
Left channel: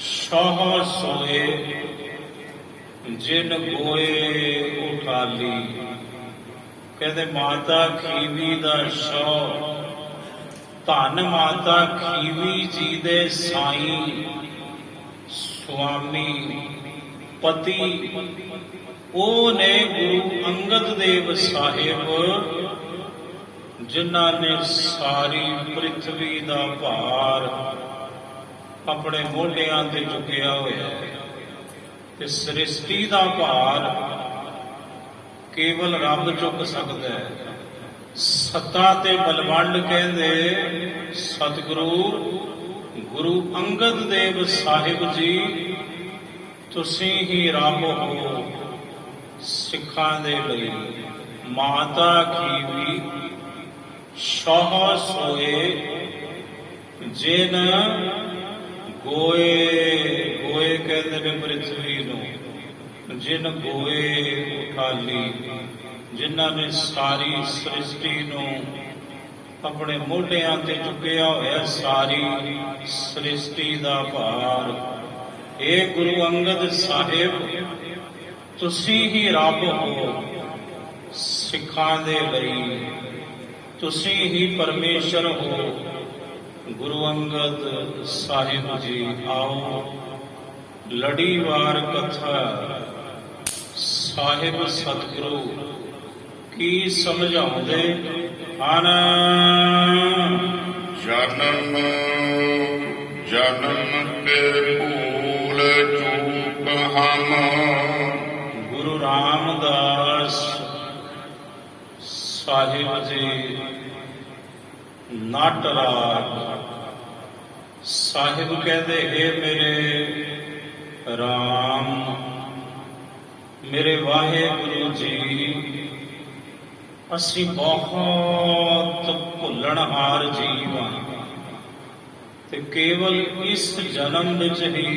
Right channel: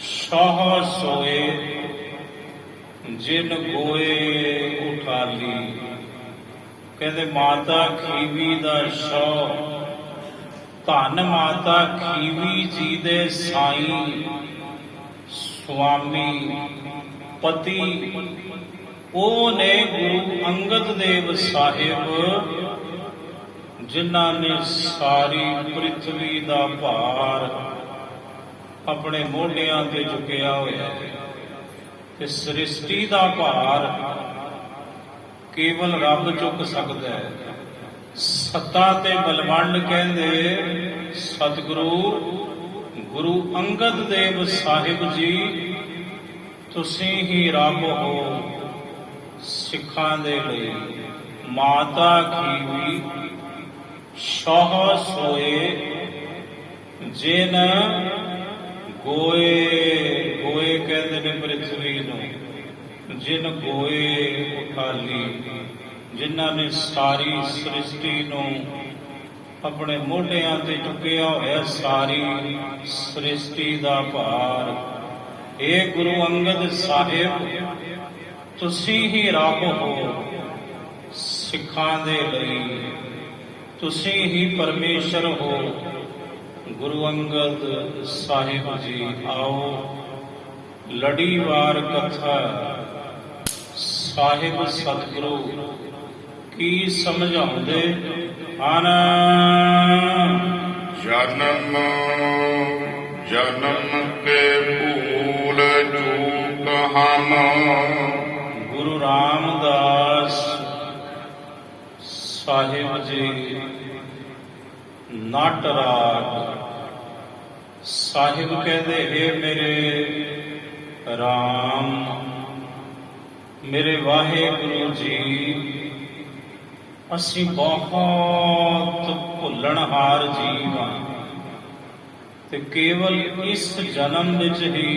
ਸੋਹ ਸੋਏ ਜਿਨ ਗੋਏ ਉਠਾਲੀ। ਕਹਿੰਦੇ ਮਾਤਾ ਖੀਵੀ ਦਾ ਸੋਹ, ਧੰਨ ਮਾਤਾ ਖੀਵੀ ਜੀ ਦੇ ਸਾਈਂ ਸੁਆਮੀ ਪਤੀ, ਉਹ ਨੇ ਗੁਰੂ ਅੰਗਦ ਦੇਵ ਸਾਹਿਬ, ਜਿਨ੍ਹਾਂ ਨੇ ਸਾਰੀ ਪ੍ਰਿਥਵੀ ਦਾ ਭਾਰ ਆਪਣੇ ਮੋਢਿਆਂ ਤੇ ਚੁੱਕਿਆ ਹੋਇਆ ਤੇ ਸ੍ਰਿਸ਼ਟੀ ਦਾ ਭਾਰ ਕੇਵਲ ਰੱਬ ਚੁੱਕ ਸਕਦਾ ਹੈ। ਸੱਤਾ ਤੇ ਬਲਵੰਡ ਕਹਿੰਦੇ ਸਤਿਗੁਰੂ ਗੁਰੂ ਅੰਗਦ ਦੇਵ ਸਾਹਿਬ ਜੀ ਤੁਸੀਂ ਹੀ ਰੱਬ ਹੋ। ਸਿੱਖਾਂ ਦੇ ਲਈ ਮਾਤਾ ਖੀਵੀ ਸ਼ਾਹ ਸੋਏ ਜਿਨ ਗੋਏ ਗੋਏ ਕਹਿੰਦੇ ਨੇ ਪ੍ਰਿਥਵੀ ਨੂੰ, ਜਿਨ ਗੋਏ ਉਠਾਲੀ, ਜਿਨ੍ਹਾਂ ਨੇ ਸਾਰੀ ਸ੍ਰਿਸ਼ਟੀ ਨੂੰ ਆਪਣੇ ਮੋਢਿਆਂ ਤੇ ਚੁੱਕਿਆ ਹੋਇਆ, ਸਾਰੀ ਸ੍ਰਿਸ਼ਟੀ ਦਾ ਭਾਰ। ਇਹ ਗੁਰੂ ਅੰਗਦ ਸਾਹਿਬ ਤੁਸੀਂ ਹੀ ਰੱਬ ਹੋ ਸਿੱਖਾਂ ਦੇ ਲਈ, ਤੁਸੀਂ ਹੀ ਪਰਮੇਸ਼ਰ ਹੋ। ਗੁਰੂ ਅੰਗਦ ਸਾਹਿਬ ਜੀ ਆਓ ਲੜੀਵਾਰ ਕਥਾ ਸਾਹਿਬ ਸਤਿਗੁਰੂ ਕੀ ਸਮਝਾਉਂਦੇ ਹਨ। ਜਨਮ ਜਨਮ ਕੇ ਭੂਲ ਚੂਕ ਹਮ। ਗੁਰੂ ਰਾਮਦਾਸ ਸਾਹਿਬ ਜੀ ਨਾਟਰਾਜ ਸਾਹਿਬ ਕਹਿੰਦੇ, ਹੇ ਮੇਰੇ ਰਾਮ, ਮੇਰੇ ਵਾਹਿਗੁਰੂ ਜੀ, ਅਸੀਂ ਬਹੁਤ ਭੁੱਲਣਹਾਰ ਜੀਵ ਹਾਂ ਤੇ ਕੇਵਲ ਇਸ ਜਨਮ ਵਿੱਚ ਹੀ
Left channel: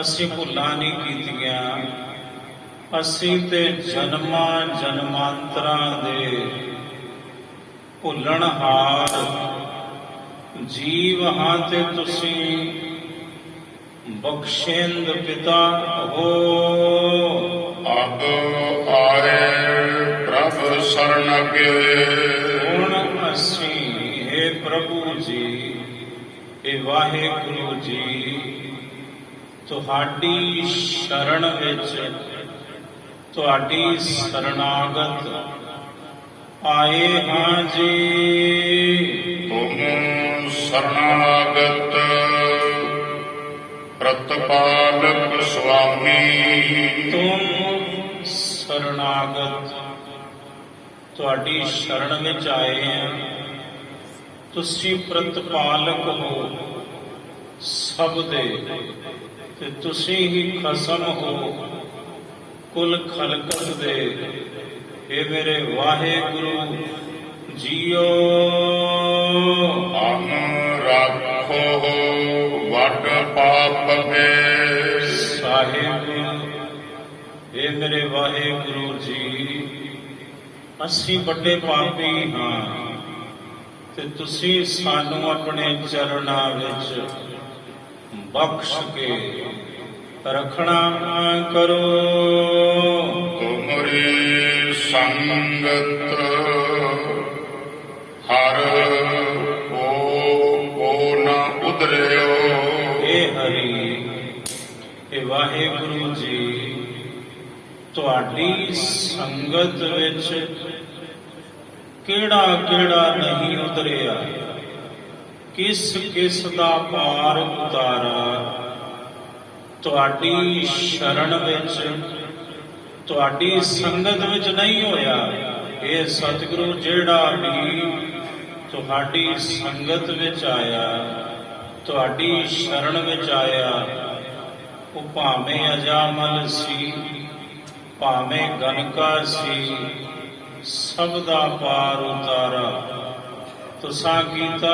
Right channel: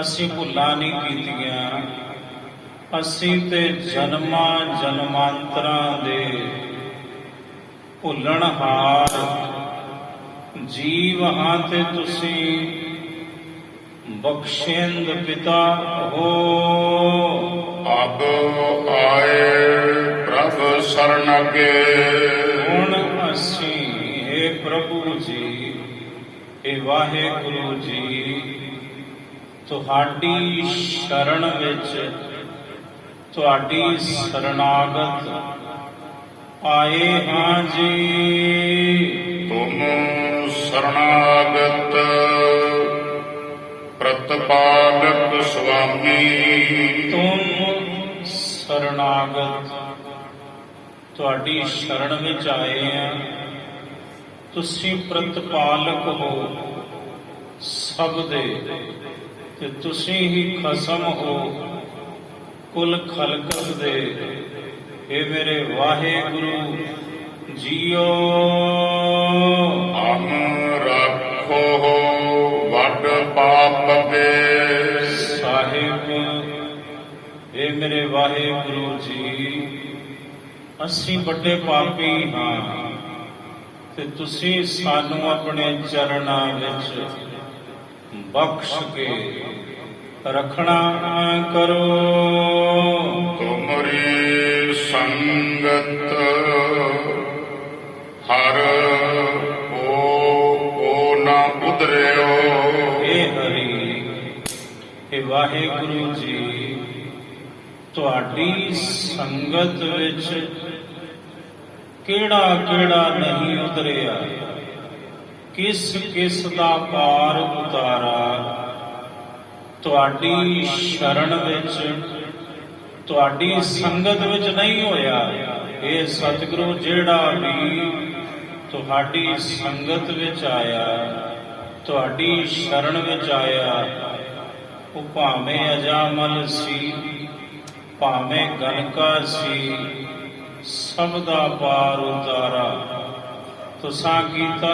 ਅਸੀਂ ਭੁੱਲਾਂ ਨਹੀਂ ਕੀਤੀਆਂ। ਅਸੀਂ ਤੇ ਜਨਮਾਂ ਜਨਮਾਂਤਰਾਂ ਦੇ ਭੁੱਲਣਹਾਰ ਜੀਵ ਹਾਂ ਤੇ ਤੁਸੀਂ ਬਖਸ਼ਿੰਦ ਪਿਤਾ ਹੋ। ਅਬ ਆਏ ਪ੍ਰਭ ਸਰਨ ਅਗੇ। ਹੁਣ ਅਸੀਂ हे ਪ੍ਰਭੂ ਜੀ, हे ਵਾਹਿਗੁਰੂ ਜੀ, ਤੁਹਾਡੀ ਸ਼ਰਨ ਵਿੱਚ, ਤੁਹਾਡੀ ਸ਼ਰਨਾਗਤ ਆਏ ਹਾਂ ਜੀ। ਤੁਮ ਸ਼ਰਨਾਗਤ ਪ੍ਰਤਪਾਲਕ ਸੁਆਮੀ। ਤੁਮ ਸ਼ਰਨਾਗਤ, ਤੁਹਾਡੀ ਸ਼ਰਨ ਵਿੱਚ ਆਏ ਹਾਂ। ਤੁਸੀਂ ਪ੍ਰਤਪਾਲਕ ਹੋ ਸਭ ਦੇ, ਤੇ ਤੁਸੀਂ ਹੀ ਖਸਮ ਹੋ ਕੁਲ ਖਲਕਤ ਦੇ। ਇਹ ਮੇਰੇ ਵਾਹਿਗੁਰੂ ਜੀਓ, ਅਨ ਰੱਖੋ ਵੱਡ ਪਾਪ ਕੇ। ਸਾਹਿਬ ਇਹ ਮੇਰੇ ਵਾਹਿਗੁਰੂ ਜੀ, ਅਸੀਂ ਵੱਡੇ ਪਾਪੀ ਹਾਂ ਤੇ ਤੁਸੀਂ ਸਾਨੂੰ ਆਪਣੇ ਚਰਨਾਂ ਵਿੱਚ ਬਖਸ਼ ਕੇ ਰੱਖਣਾ ਕਰੋ। ਤੁਮਰੀ ਸੰਗਤ ਹਰ ਕੋ ਨਾ ਉਦਰਿਓ। ਇਹ ਹਰੀ, ਇਹ ਵਾਹਿਗੁਰੂ ਜੀ, ਤੁਹਾਡੀ ਸੰਗਤ ਵਿੱਚ ਕਿਹੜਾ ਕਿਹੜਾ ਨਹੀਂ ਉਤਰਿਆ, ਕਿਸ ਕਿਸ ਦਾ ਪਾਰ ਉਤਾਰਾ। ਤੁਹਾਡੀ ਸ਼ਰਨ ਵਿੱਚ, ਤੁਹਾਡੀ ਸੰਗਤ ਵਿੱਚ ਨਹੀਂ ਹੋਇਆ। ਇਹ ਸਤਿਗੁਰੂ ਜਿਹੜਾ ਵੀ ਤੁਹਾਡੀ ਸੰਗਤ ਵਿੱਚ ਆਇਆ, ਤੁਹਾਡੀ ਸ਼ਰਨ ਵਿੱਚ ਆਇਆ, ਉਹ ਭਾਵੇਂ ਅਜਾਮਲ ਸੀ, ਭਾਵੇਂ ਗਨਕਾ ਸੀ, ਸਭ ਦਾ ਪਾਰ ਉਤਾਰਾ ਤੁਸਾਂ ਕੀਤਾ।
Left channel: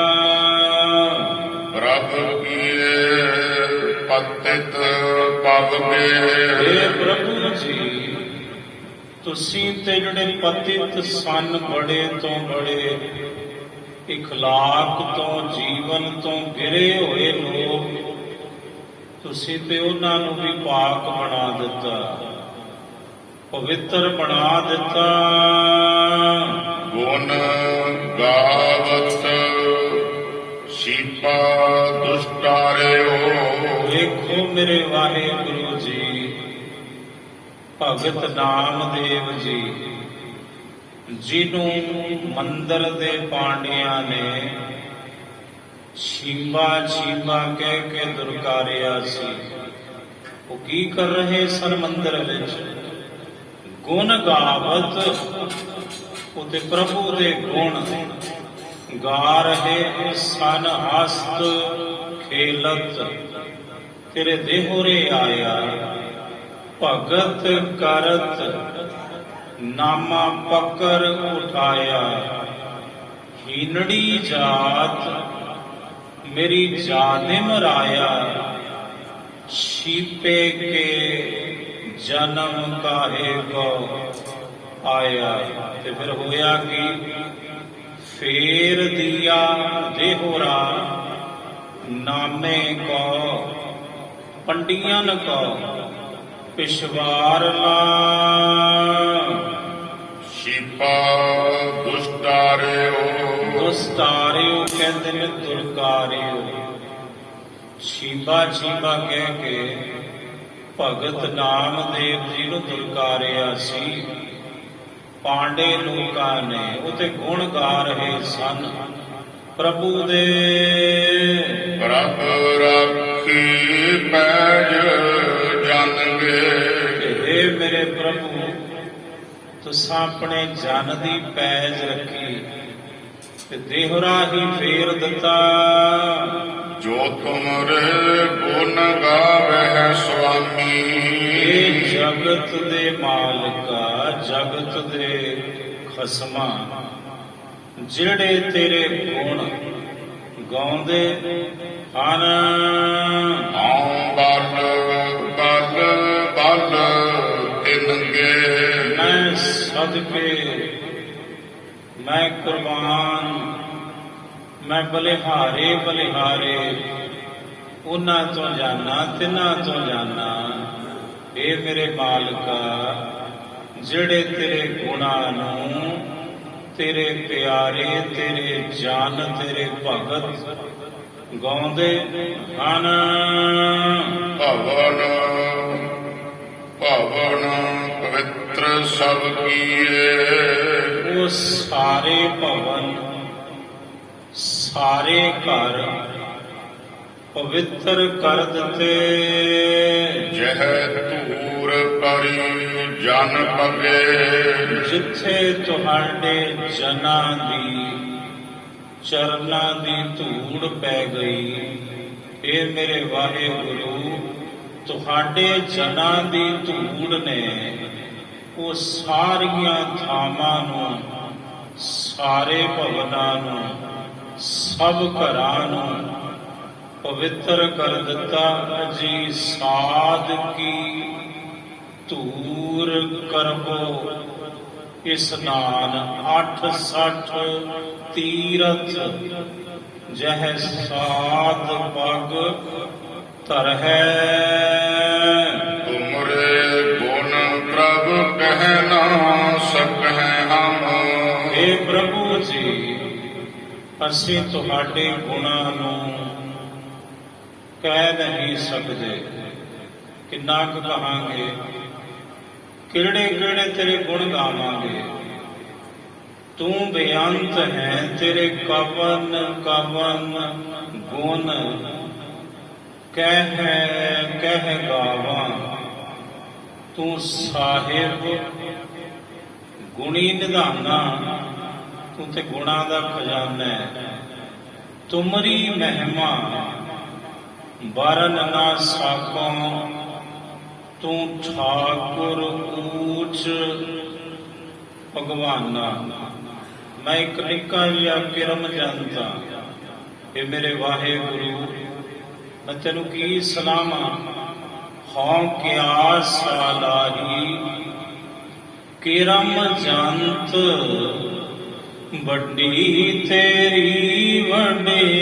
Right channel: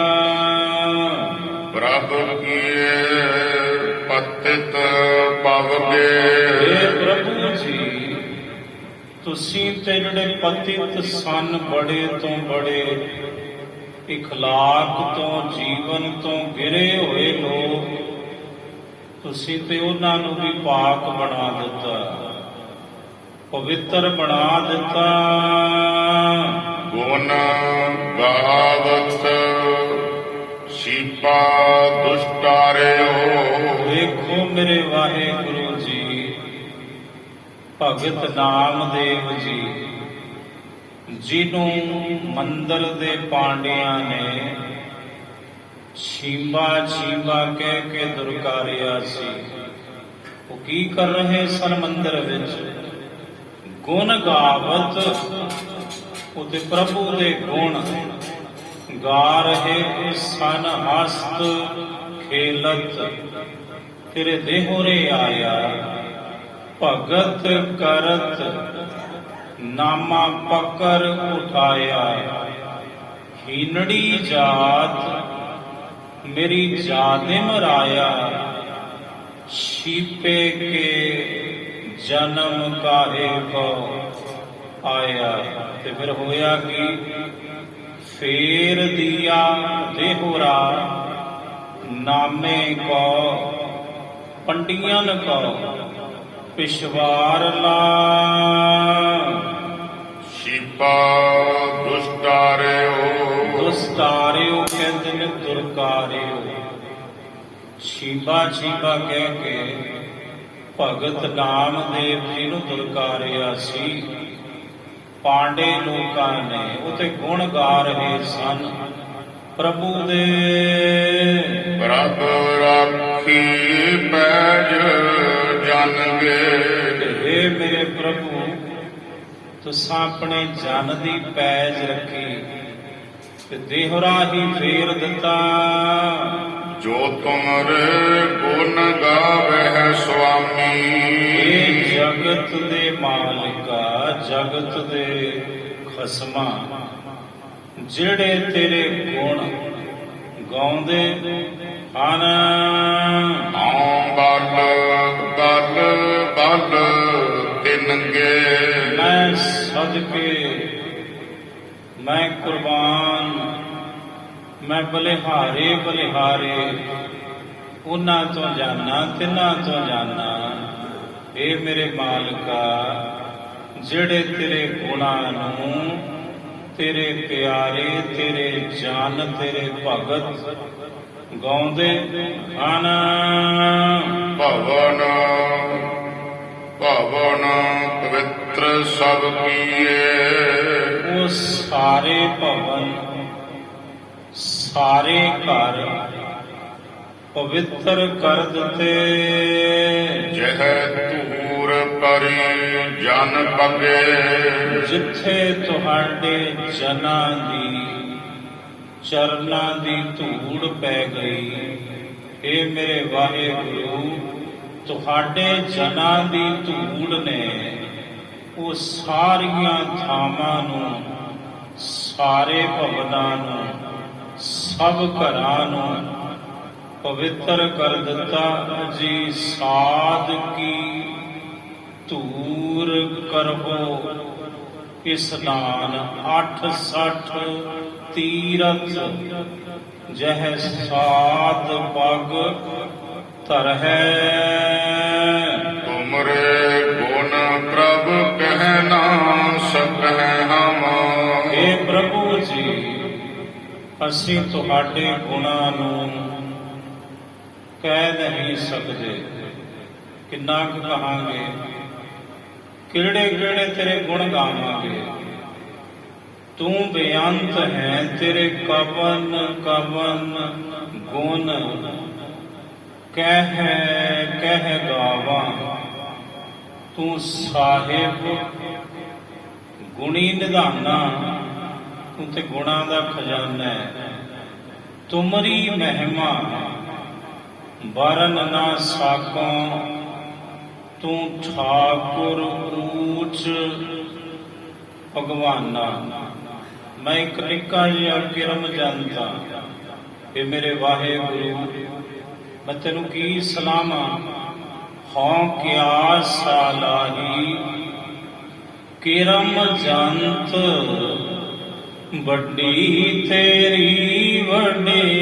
ਪ੍ਰਭ ਕੀਏ ਪਤਿਤ ਪਵਗੇ। हे ਪ੍ਰਭੂ ਜੀ, ਤੁਸੀਂ ਤੇ ਜਿਹੜੇ ਪਤਿਤ ਸਨ, ਬੜੇ ਤੋਂ ਬੜੇ ਇਖਲਾਕ ਤੋਂ, ਜੀਵਨ ਤੋਂ ਗਿਰੇ ਹੋਏ ਲੋਕ, ਤੁਸੀਂ ਤੇ ਉਹਨਾਂ ਨੂੰ ਵੀ ਪਾਕ ਬਣਾ ਦਿੱਤਾ, ਪਵਿੱਤਰ ਬਣਾ ਦਿੱਤਾ। ਗੁਣ ਗਾਵਤ ਸੀਪਾ ਦੁਸਤਾਰਿਓ। ਵੇਖੋ ਮੇਰੇ ਵਾਹਿਗੁਰੂ ਜੀ, ਭਗਤ ਨਾਮਦੇਵ ਜੀ, ਜਿਹਨੂੰ ਮੰਦਰ ਦੇ ਪਾਂਡਿਆਂ ਨੇ ਛੀਂਬਾ ਛੀਂਬਾ ਕਹਿ ਕੇ ਦੁਰਕਾਰਿਆ ਸੀ। ਉਹ ਕੀ ਕਰ ਰਹੇ ਸਨ ਮੰਦਰ ਵਿੱਚ? ਗੁਣ ਗਾਵਤ, ਉਹਦੇ ਪ੍ਰਭੂ ਦੇ ਗੁਣ ਗਾ ਰਹੇ ਸਨ। ਹਸਤ ਖੇਲਤ ਤੇਰੇ ਦੇਹੋਰੇ ਆਇਆ, ਭਗਤ ਕਰਤ ਨਾਮਾ ਪਕਰ ਉਠਾਇਆ। ਹੀਨੜੀ ਜਾਤ ਮੇਰੀ ਜਾਦਿਮ ਰਾਇਆ। ਛੀਪੇ ਕੇ ਜਨਮ ਕਾਹੇ ਕੋ ਆਇਆ। ਤੇ ਫਿਰ ਹੋਇਆ ਕਿ ਫੇਰ ਦਿਆ ਦੇਹੁਰਾ ਨਾਮੇ ਕੋ ਪੰਡੀਆਂ ਕੋ ਪਿਸ਼ਵਾਰਨਾ। ਸ਼ਿਪਾ ਦੁਸਤਾਰਿਓ। ਦੁਸਤਾਰਿਓ ਕਹਿੰਦੇ ਨੇ ਦੁਰਕਾਰਿਓ। ਛੀਬਾ ਛੀਬਾ ਕਹਿ ਕੇ ਭਗਤ ਨਾਮਦੇਵ ਜੀ ਨੂੰ ਦੁਰਕਾਰਿਆ ਸੀ। ਪਾਂਡੇ ਲੋਕਾਂ ਨੇ ਉਤੇ ਗੁਣ ਗਾ ਰਹੇ ਸਨ ਪ੍ਰਭੂ ਦੇ। ਪ੍ਰਭ ਰਾਖੀ ਪੈਜ ਜਾਣਗੇ। ਹੇ ਮੇਰੇ ਪ੍ਰਭੂ, ਤੁਸਾਂ ਆਪਣੇ ਜਨ ਦੀ ਪੈਜ ਰੱਖੀ ਤੇ ਦੇਹੁਰਾ ਹੀ ਫੇਰ ਦਿੱਤਾ। ਜੋ ਤੁਮਰੇ ਗੁਣ ਗਾਵਹਿ ਸੁਆਮੀ। ਇਹ ਜਗਤ ਦੇ ਮਾਲਕਾ, ਜਗਤ ਦੇ ਖਸਮਾ, ਜਿਹੜੇ ਤੇਰੇ ਗੁਣ ਗਾਉਂਦੇ ਹਨ। ਆਉ ਬਲ ਬਲ ਬਲ ਤਿਨਗੇ। ਮੈਂ ਸਦਕੇ, ਮੈਂ ਕੁਰਬਾਨ, ਮੈਂ ਬਲਿਹਾਰੇ ਬਲਿਹਾਰੇ ਉਹਨਾਂ ਤੋਂ ਜਾਨਾ, ਤਿੰਨਾਂ ਤੋਂ ਜਾਨਾ। ਇਹ ਮੇਰੇ ਮਾਲਕਾ, ਜਿਹੜੇ ਤੇਰੇ ਗੁਣਾਂ ਨੂੰ, ਤੇਰੇ ਪਿਆਰੇ, ਤੇਰੇ ਜਨ, ਤੇਰੇ ਭਗਤ ਗਾਉਂਦੇ ਹਨ। ਭਵਨ ਭਵਨ ਪਵਿੱਤਰ ਸਭ ਕੀਏ। ਉਹ ਸਾਰੇ ਭਵਨ, ਸਾਰੇ ਘਰ ਪਵਿੱਤਰ ਕਰ ਦਿੱਤੇ। ਜਹ ਧੂਰ ਪਰੀ ਜਨ ਪਗੇ। ਜਿੱਥੇ ਤੁਹਾਡੇ ਜਨਾਂ ਦੀ ਚਰਨਾਂ ਦੀ ਧੂੜ ਪੈ ਗਈ। ਇਹ ਮੇਰੇ ਵਾਹਿਗੁਰੂ, ਤੁਹਾਡੇ ਜਨਾਂ ਦੀ ਧੂੜ ਨੇ ਉਹ ਸਾਰੀਆਂ ਥਾਵਾਂ ਨੂੰ, ਸਾਰੇ ਭਵਨਾਂ ਨੂੰ, ਸਭ ਘਰਾਂ ਨੂੰ ਪਵਿੱਤਰ ਕਰ ਦਿੱਤਾ। ਜੀ ਸਾਧ ਕੀ ਧੂਰ ਕਰਬੋ ਇਸਨਾਨ। 68 ਤੀਰਥ ਜਹ ਸਾਧ ਪਗ ਧਰਹਿ। ਤੁਮਰੇ ਗੁਣ ਪ੍ਰਭ ਕਹਿ ਨਾ ਸਕਹਿ ਹਮ। हे ਪ੍ਰਭੂ ਜੀ, ਅਸੀਂ ਤੁਹਾਡੇ ਗੁਣਾਂ ਨੂੰ ਕਹਿ ਨਹੀਂ ਸਕਦੇ। ਕਿੰਨਾ ਕੁ ਕਹਾਂਗੇ, ਕਿਹੜੇ ਕਿਹੜੇ ਤੇਰੇ ਗੁਣ ਗਾਵਾਂਗੇ। ਤੂੰ ਬੇਅੰਤ ਹੈ, ਤੇਰੇ ਕਵਨ ਕਵਨ ਗੁਣ ਕਹਿ ਗਾਵਾਂ। ਤੂੰ ਸਾਹਿਬ ਗੁਣੀ ਨਿਧਾਨਾ, ਤੂੰ ਤੇ ਗੁਣਾਂ ਦਾ ਖਜ਼ਾਨਾ ਹੈ। ਤੁਮਰੀ ਮਹਿਮਾ ਬਰਨ ਨਾ ਸਾਕੋਂ। ਤੂੰ ਠਾਕੁਰ ਊਚ ਭਗਵਾਨਾ। ਮੈਂ ਇੱਕ ਨਿੱਕਾ ਜਿਹਾ ਕਿਰਮ ਜਨਤਾ। ਇਹ ਮੇਰੇ ਵਾਹਿਗੁਰੂ, ਮੈਂ ਤੈਨੂੰ ਕੀ ਸਲਾਮਾਂ। ਹਉ ਕਿਆ ਸਾਲਾਹੀ ਕਿਰਮ ਜੰਤ। ਵੱਡੀ ਤੇਰੀ ਵਡਿਆਈ,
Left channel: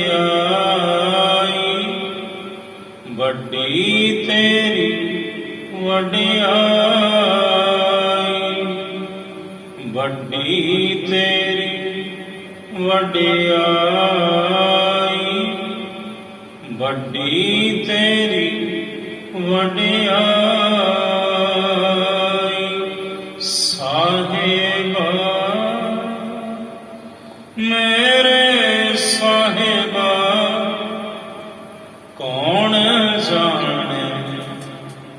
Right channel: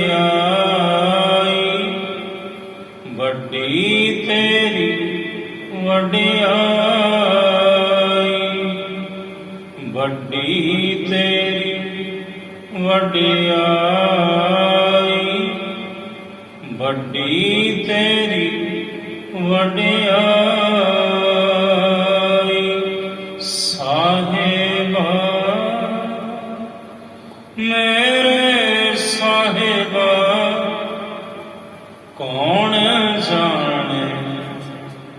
ਵੱਡੀ ਤੇਰੀ ਵਡਿਆਈ, ਵੱਡੀ ਤੇਰੀ ਵਡਿਆਈ, ਵੱਡੀ ਤੇਰੀ ਵਡਿਆਈ। ਸਾਹਿਬਾ ਮੇਰੇ ਸਾਹਿਬਾ, ਕੌਣ ਜਾਣੇ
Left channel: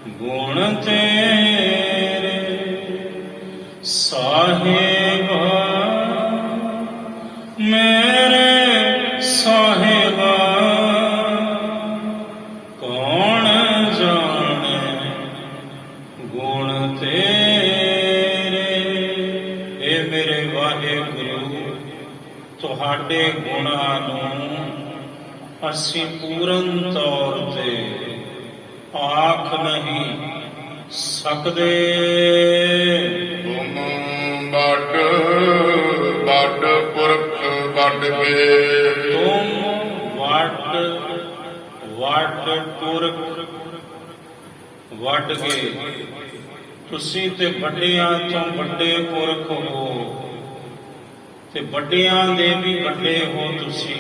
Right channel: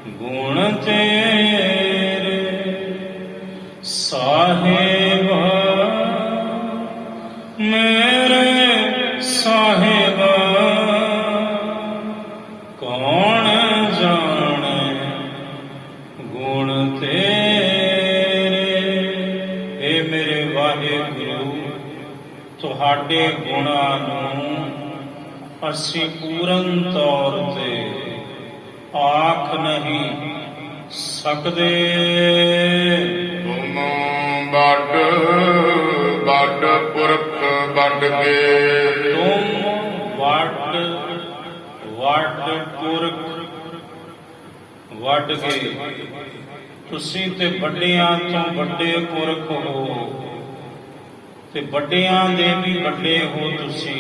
ਗੁਣ ਤੇਰੇ। ਸਾਹਿਬਾ ਮੇਰੇ ਸਾਹਿਬਾ, ਕੌਣ ਜਾਣੇ ਮੇਰੇ ਵਾਹਿਗੁਰੂ, ਤੁਹਾਡੇ ਗੁਣਾਂ ਨੂੰ ਅਸੀਂ ਪੂਰਨ ਤੌਰ ਤੇ ਆਖ ਨਹੀਂ ਸਕਦੇ। ਤੁਮ ਵੱਡ ਵੱਡ ਪੁਰਖ ਵੱਡ ਕੇ, ਤੁਮ ਵੱਡ ਵੱਡ ਪੁਰਖ ਵੱਡ ਗਏ। ਤੁਸੀਂ ਤੇ ਵੱਡਿਆਂ ਤੋਂ ਵੱਡੇ ਪੁਰਖ ਹੋ, ਤੇ ਵੱਡਿਆਂ ਦੇ ਵੀ ਵੱਡੇ ਹੋ ਤੁਸੀਂ।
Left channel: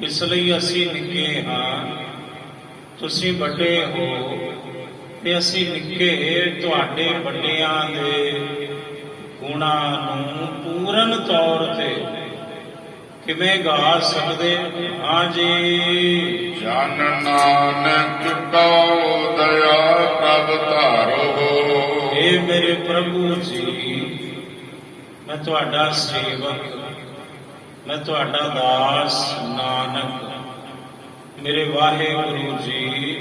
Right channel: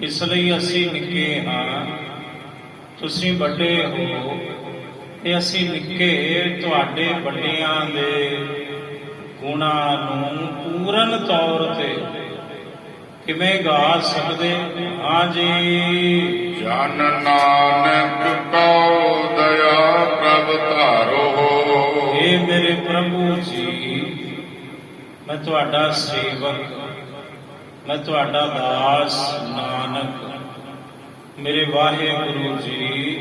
ਇਸ ਲਈ ਅਸੀਂ ਨਿੱਕੇ ਹਾਂ, ਤੁਸੀਂ ਵੱਡੇ ਹੋ ਤੇ ਅਸੀਂ ਨਿੱਕੇ। ਤੁਹਾਡੇ ਵੱਡਿਆਂ ਦੇ ਗੁਣਾਂ ਨੂੰ ਪੂਰਨ ਤੌਰ ਤੇ ਕਿਵੇਂ ਗਾ ਸਕਦੇ ਹਾਂ ਜੀ। ਜਨ ਨਾਨਕ ਕਉ ਦਇਆ ਪ੍ਰਭ ਧਾਰੋ। ਇਹ ਮੇਰੇ ਪ੍ਰਭੂ ਜੀ, ਮੈਂ ਤੁਹਾਡਾ ਸੇਵਕ, ਮੈਂ ਤੁਹਾਡਾ ਦਾਸ ਨਾਨਕ। ਮੇਰੇ ਵਾਹਿਗੁਰੂ ਜੀ,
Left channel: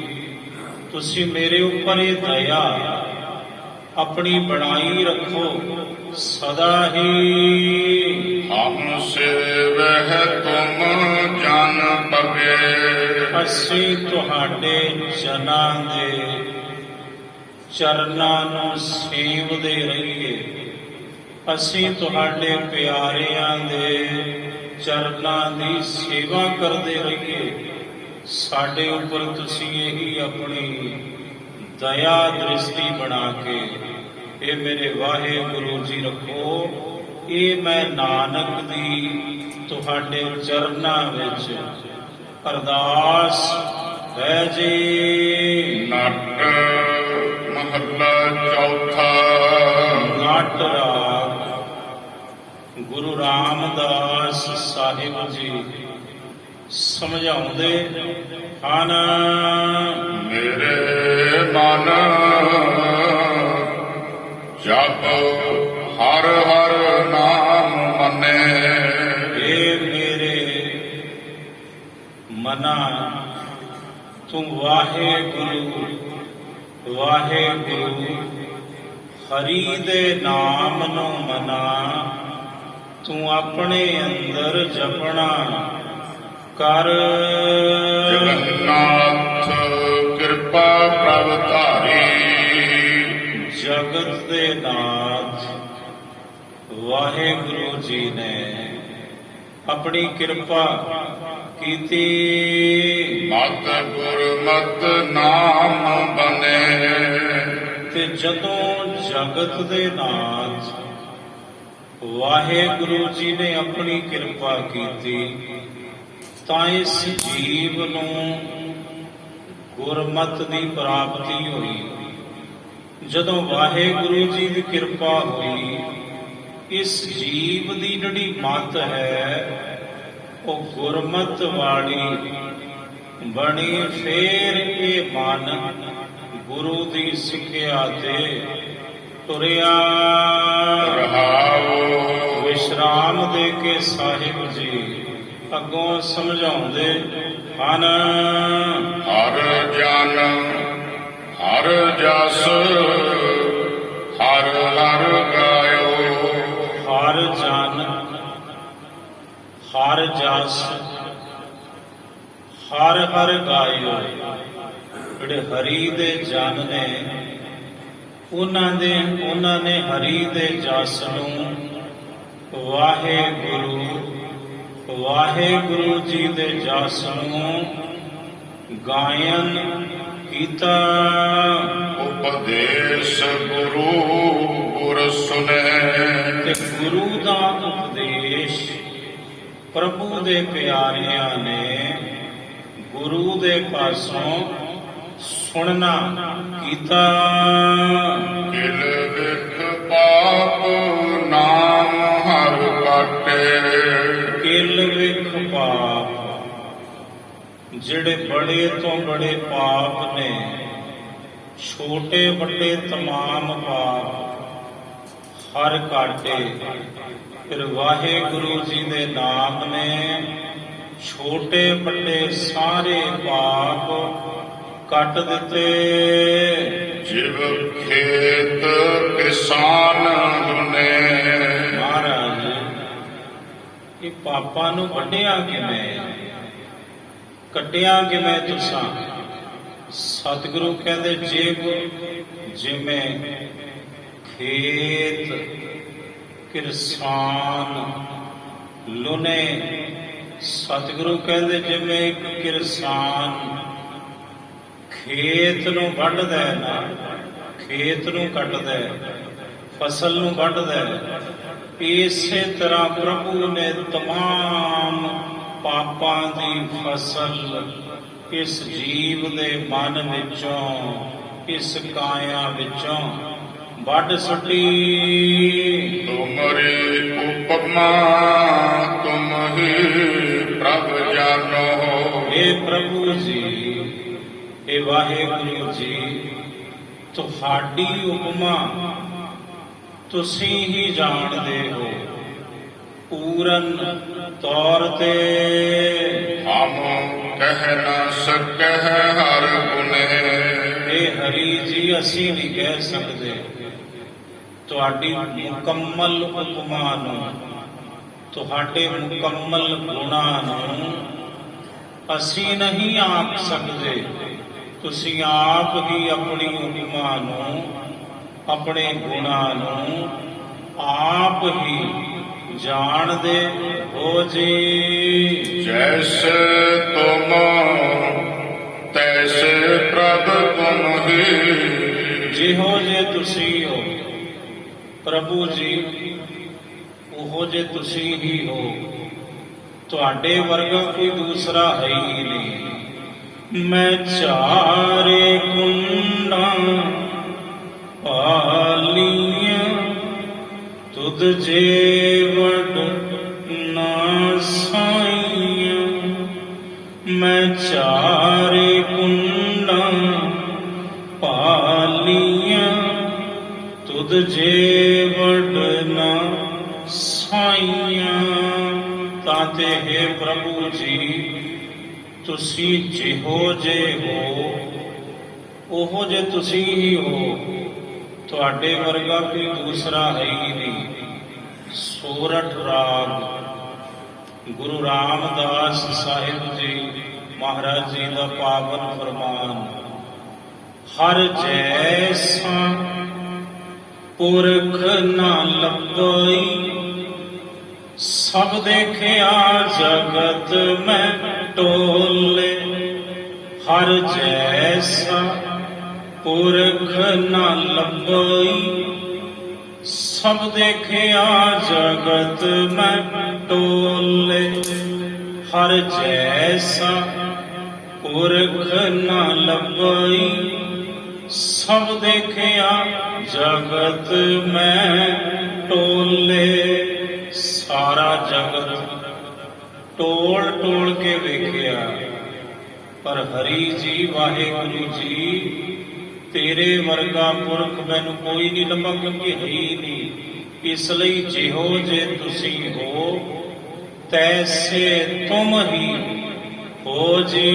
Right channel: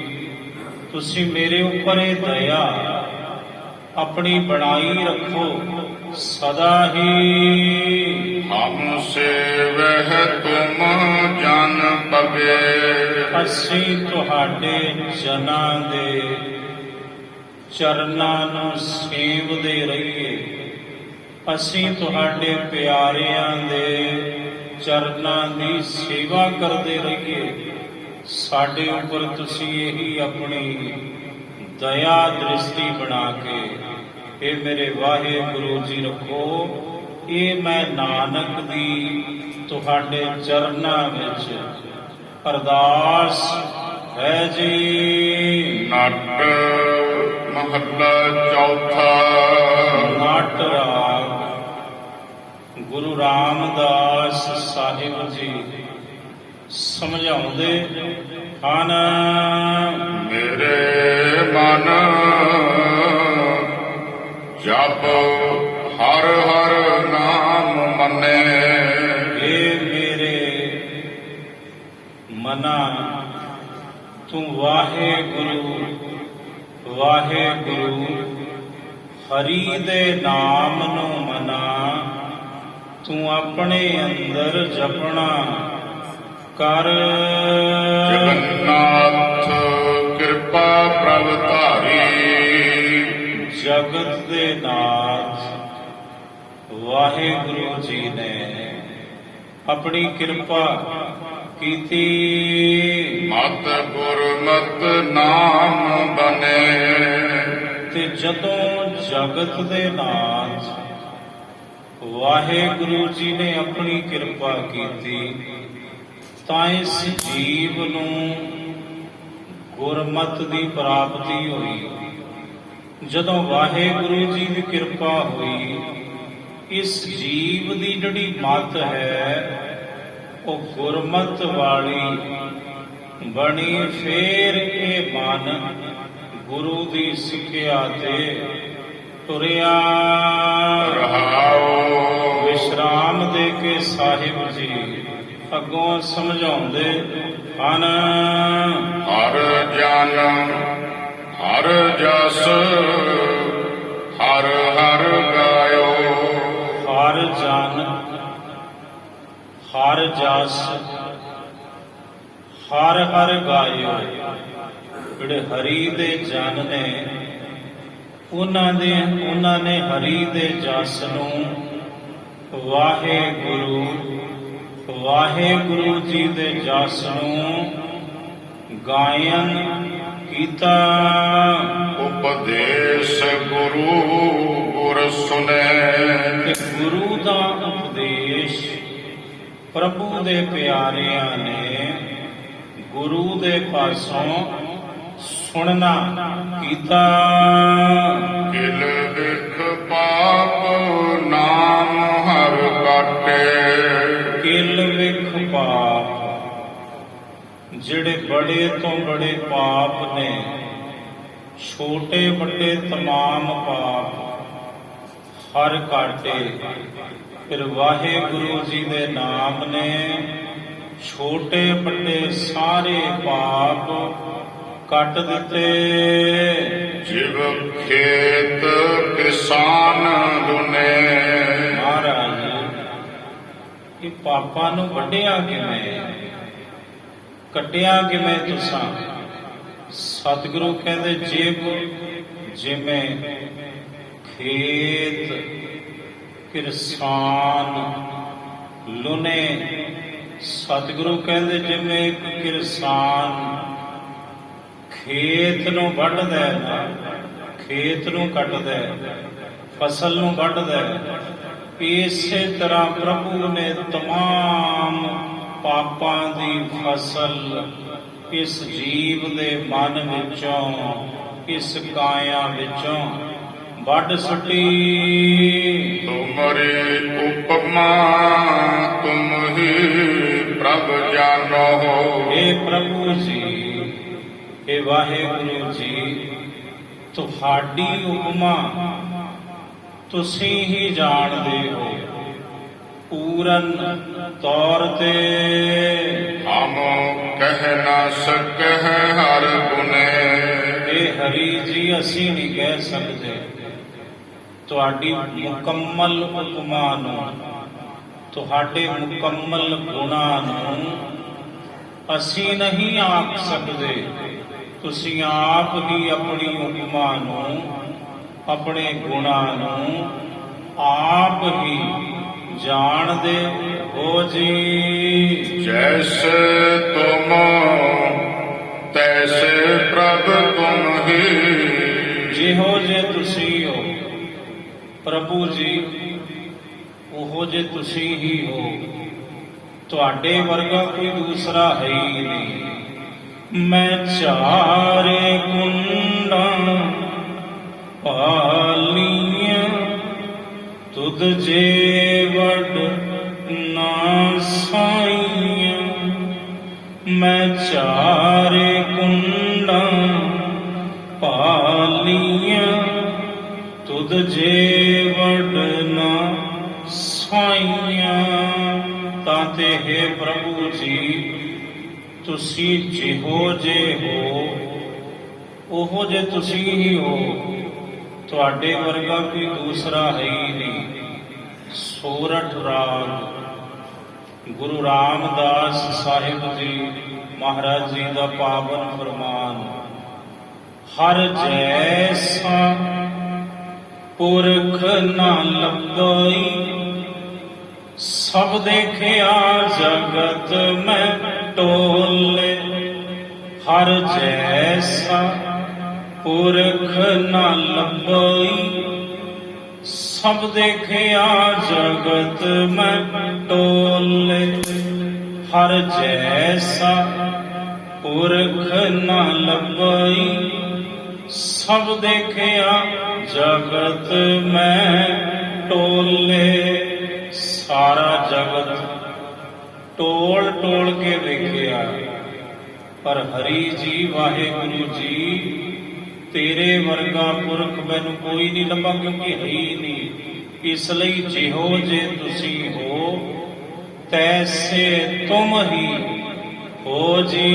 ਤੁਸੀਂ ਮੇਰੇ ਉੱਪਰ ਇਹ ਦਇਆ ਆਪਣੀ ਬਣਾਈ ਰੱਖੋ ਸਦਾ ਹੀ। ਹਮ ਸੇਵਹਿ ਤੁਮ ਜਨ ਪਗੇ। ਅਸੀਂ ਤੁਹਾਡੇ ਜਨਾਂ ਦੇ ਚਰਨਾਂ ਨੂੰ ਸੇਵਦੇ ਰਹੀਏ। ਅਸੀਂ ਤੁਹਾਡੇ ਪਿਆਰਿਆਂ ਦੇ ਚਰਨਾਂ ਦੀ ਸੇਵਾ ਕਰਦੇ ਰਹੀਏ। ਸਾਡੇ ਉੱਪਰ ਤੁਸੀਂ ਇਹੀ ਆਪਣੀ ਦਇਆ ਦ੍ਰਿਸ਼ਟੀ ਬਣਾ ਕੇ ਇਹ ਮੇਰੇ ਵਾਹਿਗੁਰੂ ਜੀ ਰੱਖੋ। ਇਹ ਮੈਂ ਨਾਨਕ ਦੀ ਤੁਹਾਡੇ ਚਰਨਾਂ ਵਿੱਚ ਅਰਦਾਸ ਹੈ ਜੀ। ਨਟ ਮਹੱਲਾ ਚੌਥਾ। ਨਟ ਰਾਗ ਗੁਰੂ ਰਾਮਦਾਸ ਸਾਹਿਬ ਜੀ ਸਮਝਾਉਂਦੇ ਹਨ। ਮੇਰੇ ਮਨ ਜਪ ਹਰ ਹਰ ਨਾਮ ਮੰਨੇ। ਇਹ ਮੇਰੇ ਮਨਾ, ਤੂੰ ਵਾਹਿਗੁਰੂ ਵਾਹਿਗੁਰੂ ਹਰੀ ਦੇ ਨਾਮ ਨੂੰ ਮਨਾ। ਤੂੰ ਆਪਣੇ ਅੰਦਰ ਜਪਣਾ ਕਰ। ਜਗन्नाथ ਕਿਰਪਾ ਪ੍ਰਭ ਧਾਰੀ। ਜਗਤ ਦੇ ਨਾਥ ਵਾਹਿਗੁਰੂ ਜੀ ਨੇ ਆਪਣੀ ਕਿਰਪਾ ਕੀਤੀ। ਮਤ ਗੁਰਮਤ ਨਾਮ ਬਨੇ। ਤੇ ਜਦੋਂ ਜਗਤ ਦੇ ਨਾਥ ਵਾਹਿਗੁਰੂ ਜੀ ਨੇ ਆਪਣੀ ਕਿਰਪਾ ਕੀਤੀ ਤਾਂ ਇਸ ਜੀਵ ਨੂੰ ਗੁਰਮਤ ਦੀ ਪ੍ਰਾਪਤੀ ਹੋਈ। ਜਦੋਂ ਵਾਹਿਗੁਰੂ ਜੀ ਦੀ ਕਿਰਪਾ ਹੋਈ, ਇਸ ਜੀਵ ਦੀ ਜਿਹੜੀ ਮਤ ਹੈ ਉਹ ਗੁਰਮਤ ਵਾਲੀ ਬਣੀ। ਫੇਰ ਇਹ ਮਨ ਗੁਰੂ ਦੀ ਸਿੱਖਿਆ ਤੇ ਤੁਰਿਆ। ਰਹਾਉ। ਵਿਸ਼ਰਾਮ ਦੇ ਕੇ ਸਾਹਿਬ ਜੀ ਅੱਗੋਂ ਸਮਝਾਉਂਦੇ ਹਨ। ਹਰ ਗਿਆਨ ਹਰ ਜਸ ਹਰ ਹਰ ਗਾਇਓ। ਹਰ ਜਨ ਹਰ ਜਸ ਹਰ ਹਰ ਗਾਇਓ। ਜਿਹੜੇ ਹਰੀ ਦੇ ਜਨ ਨੇ ਉਹਨਾਂ ਨੇ ਹਰੀ ਦੇ ਜਸ ਨੂੰ ਵਾਹਿਗੁਰੂ ਜੀ ਦੇ ਜਸ ਨੂੰ ਗਾਇਨ ਕੀਤਾ। ਉਪਦੇਸ਼ ਗੁਰੂ ਗੁਰ ਸੁਨੇ। ਤੇ ਗੁਰੂ ਦਾ ਉਪਦੇਸ਼ ਪ੍ਰਭੂ ਦੇ ਪਿਆਰਿਆਂ ਨੇ ਗੁਰੂ ਦੇ ਪਾਸੋਂ ਸੁਣਨਾ ਕੀਤਾ। ਦਿਲ ਵਿਖ ਪਾਪ ਨਾਮ ਹਰ ਕਾਟੇ। ਕਿਲ ਵਿਖ ਪਾਪ, ਜਿਹੜੇ ਬੜੇ ਤੋਂ ਬੜੇ ਪਾਪ ਨੇ, ਛੋਟੇ ਵੱਡੇ ਤਮਾਮ ਪਾਪ ਹਰ ਕਾਟੇ। ਫਿਰ ਵਾਹਿਗੁਰੂ ਜੀ ਦੇ ਨਾਮ ਨੇ ਛੋਟੇ ਵੱਡੇ ਸਾਰੇ ਪਾਪ ਕੱਟ ਦਿੱਤੇ। ਜਿਵ ਖੇਤ ਕਿਸਾਨ ਲੁਨੇ। ਪਾਪਾਂ ਨੂੰ ਵੱਢਿਆ ਕਿਵੇਂ, ਕੱਟਿਆ ਕਿਵੇਂ ਤੁਸਾਂ। ਸਤਿਗੁਰੂ ਕਹਿੰਦੇ ਜਿਵੇਂ ਖੇਤ ਕਿਰਸਾਨ ਲੁਨੇ, ਸਤਿਗੁਰੂ ਕਹਿੰਦੇ ਜਿਵੇਂ ਇੱਕ ਕਿਰਸਾਨ ਖੇਤ ਨੂੰ ਵੱਢਦਾ ਹੈ ਨਾ, ਖੇਤ ਨੂੰ ਕੱਟਦਾ ਹੈ, ਫਸਲ ਨੂੰ ਵੱਢਦਾ ਹੈ, ਇਸੇ ਤਰ੍ਹਾਂ ਪ੍ਰਭੂ ਨੇ ਤਮਾਮ ਪਾਪਾਂ ਦੀ ਫਸਲ ਇਸ ਜੀਵ ਦੇ ਮਨ ਵਿੱਚੋਂ, ਇਸ ਕਾਇਆ ਵਿੱਚੋਂ ਵੱਢ ਸੁੱਟੀ। ਤੁਮਰੀ ਉਪਮਾ ਤੁਮ ਹੀ ਪ੍ਰਭ ਜਾਨੋ। ਇਹ ਪ੍ਰਭੂ ਜੀ, ਇਹ ਵਾਹਿਗੁਰੂ ਜੀ, ਤੁਹਾਡੀ ਉਪਮਾ ਤੁਸੀਂ ਹੀ ਜਾਣਦੇ ਹੋ ਪੂਰਨ ਤੌਰ ਤੇ। ਹਮ ਕਹਿ ਨਾ ਸਕਹਿ ਹਰ ਗੁਨੇ। ਇਹ ਹਰੀ ਜੀ ਅਸੀਂ ਨਹੀਂ ਕਹਿ ਸਕਦੇ ਤੁਹਾਡੀ ਮੁਕੰਮਲ ਉਪਮਾ ਨੂੰ, ਤੁਹਾਡੇ ਮੁਕੰਮਲ ਗੁਣਾਂ ਨੂੰ ਅਸੀਂ ਨਹੀਂ ਆਖ ਸਕਦੇ। ਤੁਸੀਂ ਆਪ ਹੀ ਆਪਣੀ ਉਪਮਾ ਨੂੰ, ਆਪਣੇ ਗੁਣਾਂ ਨੂੰ ਆਪ ਹੀ ਜਾਣਦੇ ਹੋ ਜੀ। ਜੈਸੇ ਤੁਮ ਤੈਸੇ ਪ੍ਰਭ ਤੁਮ ਹੀ। ਜਿਹੋ ਜੇ ਤੁਸੀਂ ਹੋ ਪ੍ਰਭੂ ਜੀ, ਉਹੋ ਜੇ ਤੁਸੀਂ ਹੀ ਹੋ, ਤੁਹਾਡੇ ਵਰਗਾ ਕੋਈ ਦੂਸਰਾ ਹੈ ਹੀ ਨਹੀਂ। ਮੈਂ ਚਾਰੇ ਕੁੰਡਾਂ ਪਾਲੀਆਂ ਤੁਧ ਜੇ ਵੱਡ ਨਾ ਸਾਈਆਂ। ਮੈਂ ਚਾਰੇ ਕੁੰਡਾਂ ਪਾਲੀਆਂ ਤੁਧ ਜੇ ਵੱਡ ਨਾ ਸਾਈਆਂ। ਤਾਂ ਤੇ ਹੈ ਪ੍ਰਭੂ ਜੀ, ਤੁਸੀਂ ਜਿਹੋ ਜੇ ਹੋ ਉਹੋ ਜੇ ਤੁਸੀਂ ਹੀ ਹੋ, ਤੁਹਾਡੇ ਵਰਗਾ ਕੋਈ ਦੂਸਰਾ ਹੈ ਹੀ ਨਹੀਂ। ਸੋਰਠ ਰਾਗ ਗੁਰੂ ਰਾਮਦਾਸ ਸਾਹਿਬ ਜੀ ਮਹਾਰਾਜ ਜੀ ਦਾ ਪਾਵਨ ਫਰਮਾਨ। ਹਰ ਜੈਸਾ ਪੁਰਖ ਨਾ ਲੱਭਈ, ਸਭ ਦੇਖਿਆ ਜਗਤ ਮੈਂ ਟੋਲੇ। ਹਰ ਜੈਸਾ ਪੁਰਖ ਨਾ ਲੱਭਈ, ਸਭ ਦੇਖਿਆ ਜਗਤ ਮੈਂ ਟੋਲੇ। ਹਰ ਜੈਸਾ ਪੁਰਖ ਨਾ ਲੱਭਈ, ਸਭ ਦੇਖਿਆ ਜਗਤ ਮੈਂ ਟੋਲੇ। ਸਾਰਾ ਜਗਤ ਟੋਲ ਟੋਲ ਕੇ ਵੇਖਿਆ, ਪਰ ਹਰੀ ਜੀ ਵਾਹਿਗੁਰੂ ਜੀ ਤੇਰੇ ਵਰਗਾ ਪੁਰਖ ਮੈਨੂੰ ਕੋਈ ਨਹੀਂ ਲੱਭਾ, ਕਿਉਂਕਿ ਹੈ ਹੀ ਨਹੀਂ। ਇਸ ਲਈ ਜਿਹੋ ਜੇ ਤੁਸੀਂ ਹੋ ਤੈਸੇ ਤੁਮ ਹੀ ਹੋ ਜੀ।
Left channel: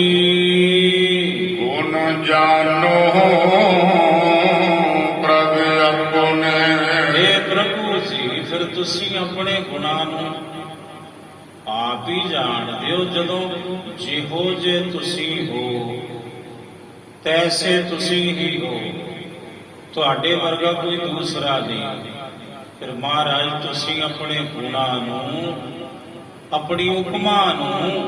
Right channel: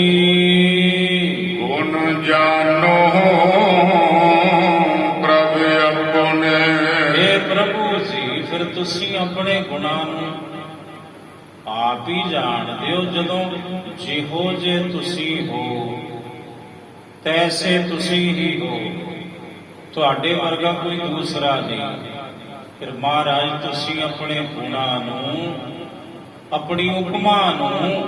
ਗੁਣ ਜਾਨੋ ਪ੍ਰਭ ਆਪਣੇ। हे ਪ੍ਰਭੂ ਜੀ, ਫਿਰ ਤੁਸੀਂ ਆਪਣੇ ਗੁਣਾਂ ਨੂੰ ਆਪ ਹੀ ਜਾਣਦੇ ਹੋ। ਜਦੋਂ ਜਿਹੋ ਜੇ ਤੁਸੀਂ ਹੋ ਤੈਸੇ ਤੁਸੀਂ ਹੀ ਹੋ, ਤੁਹਾਡੇ ਵਰਗਾ ਕੋਈ ਦੂਸਰਾ ਨਹੀਂ। ਫਿਰ ਮਹਾਰਾਜ ਤੁਸੀਂ ਆਪਣੇ ਗੁਣਾਂ ਨੂੰ, ਆਪਣੀ ਉਪਮਾ ਨੂੰ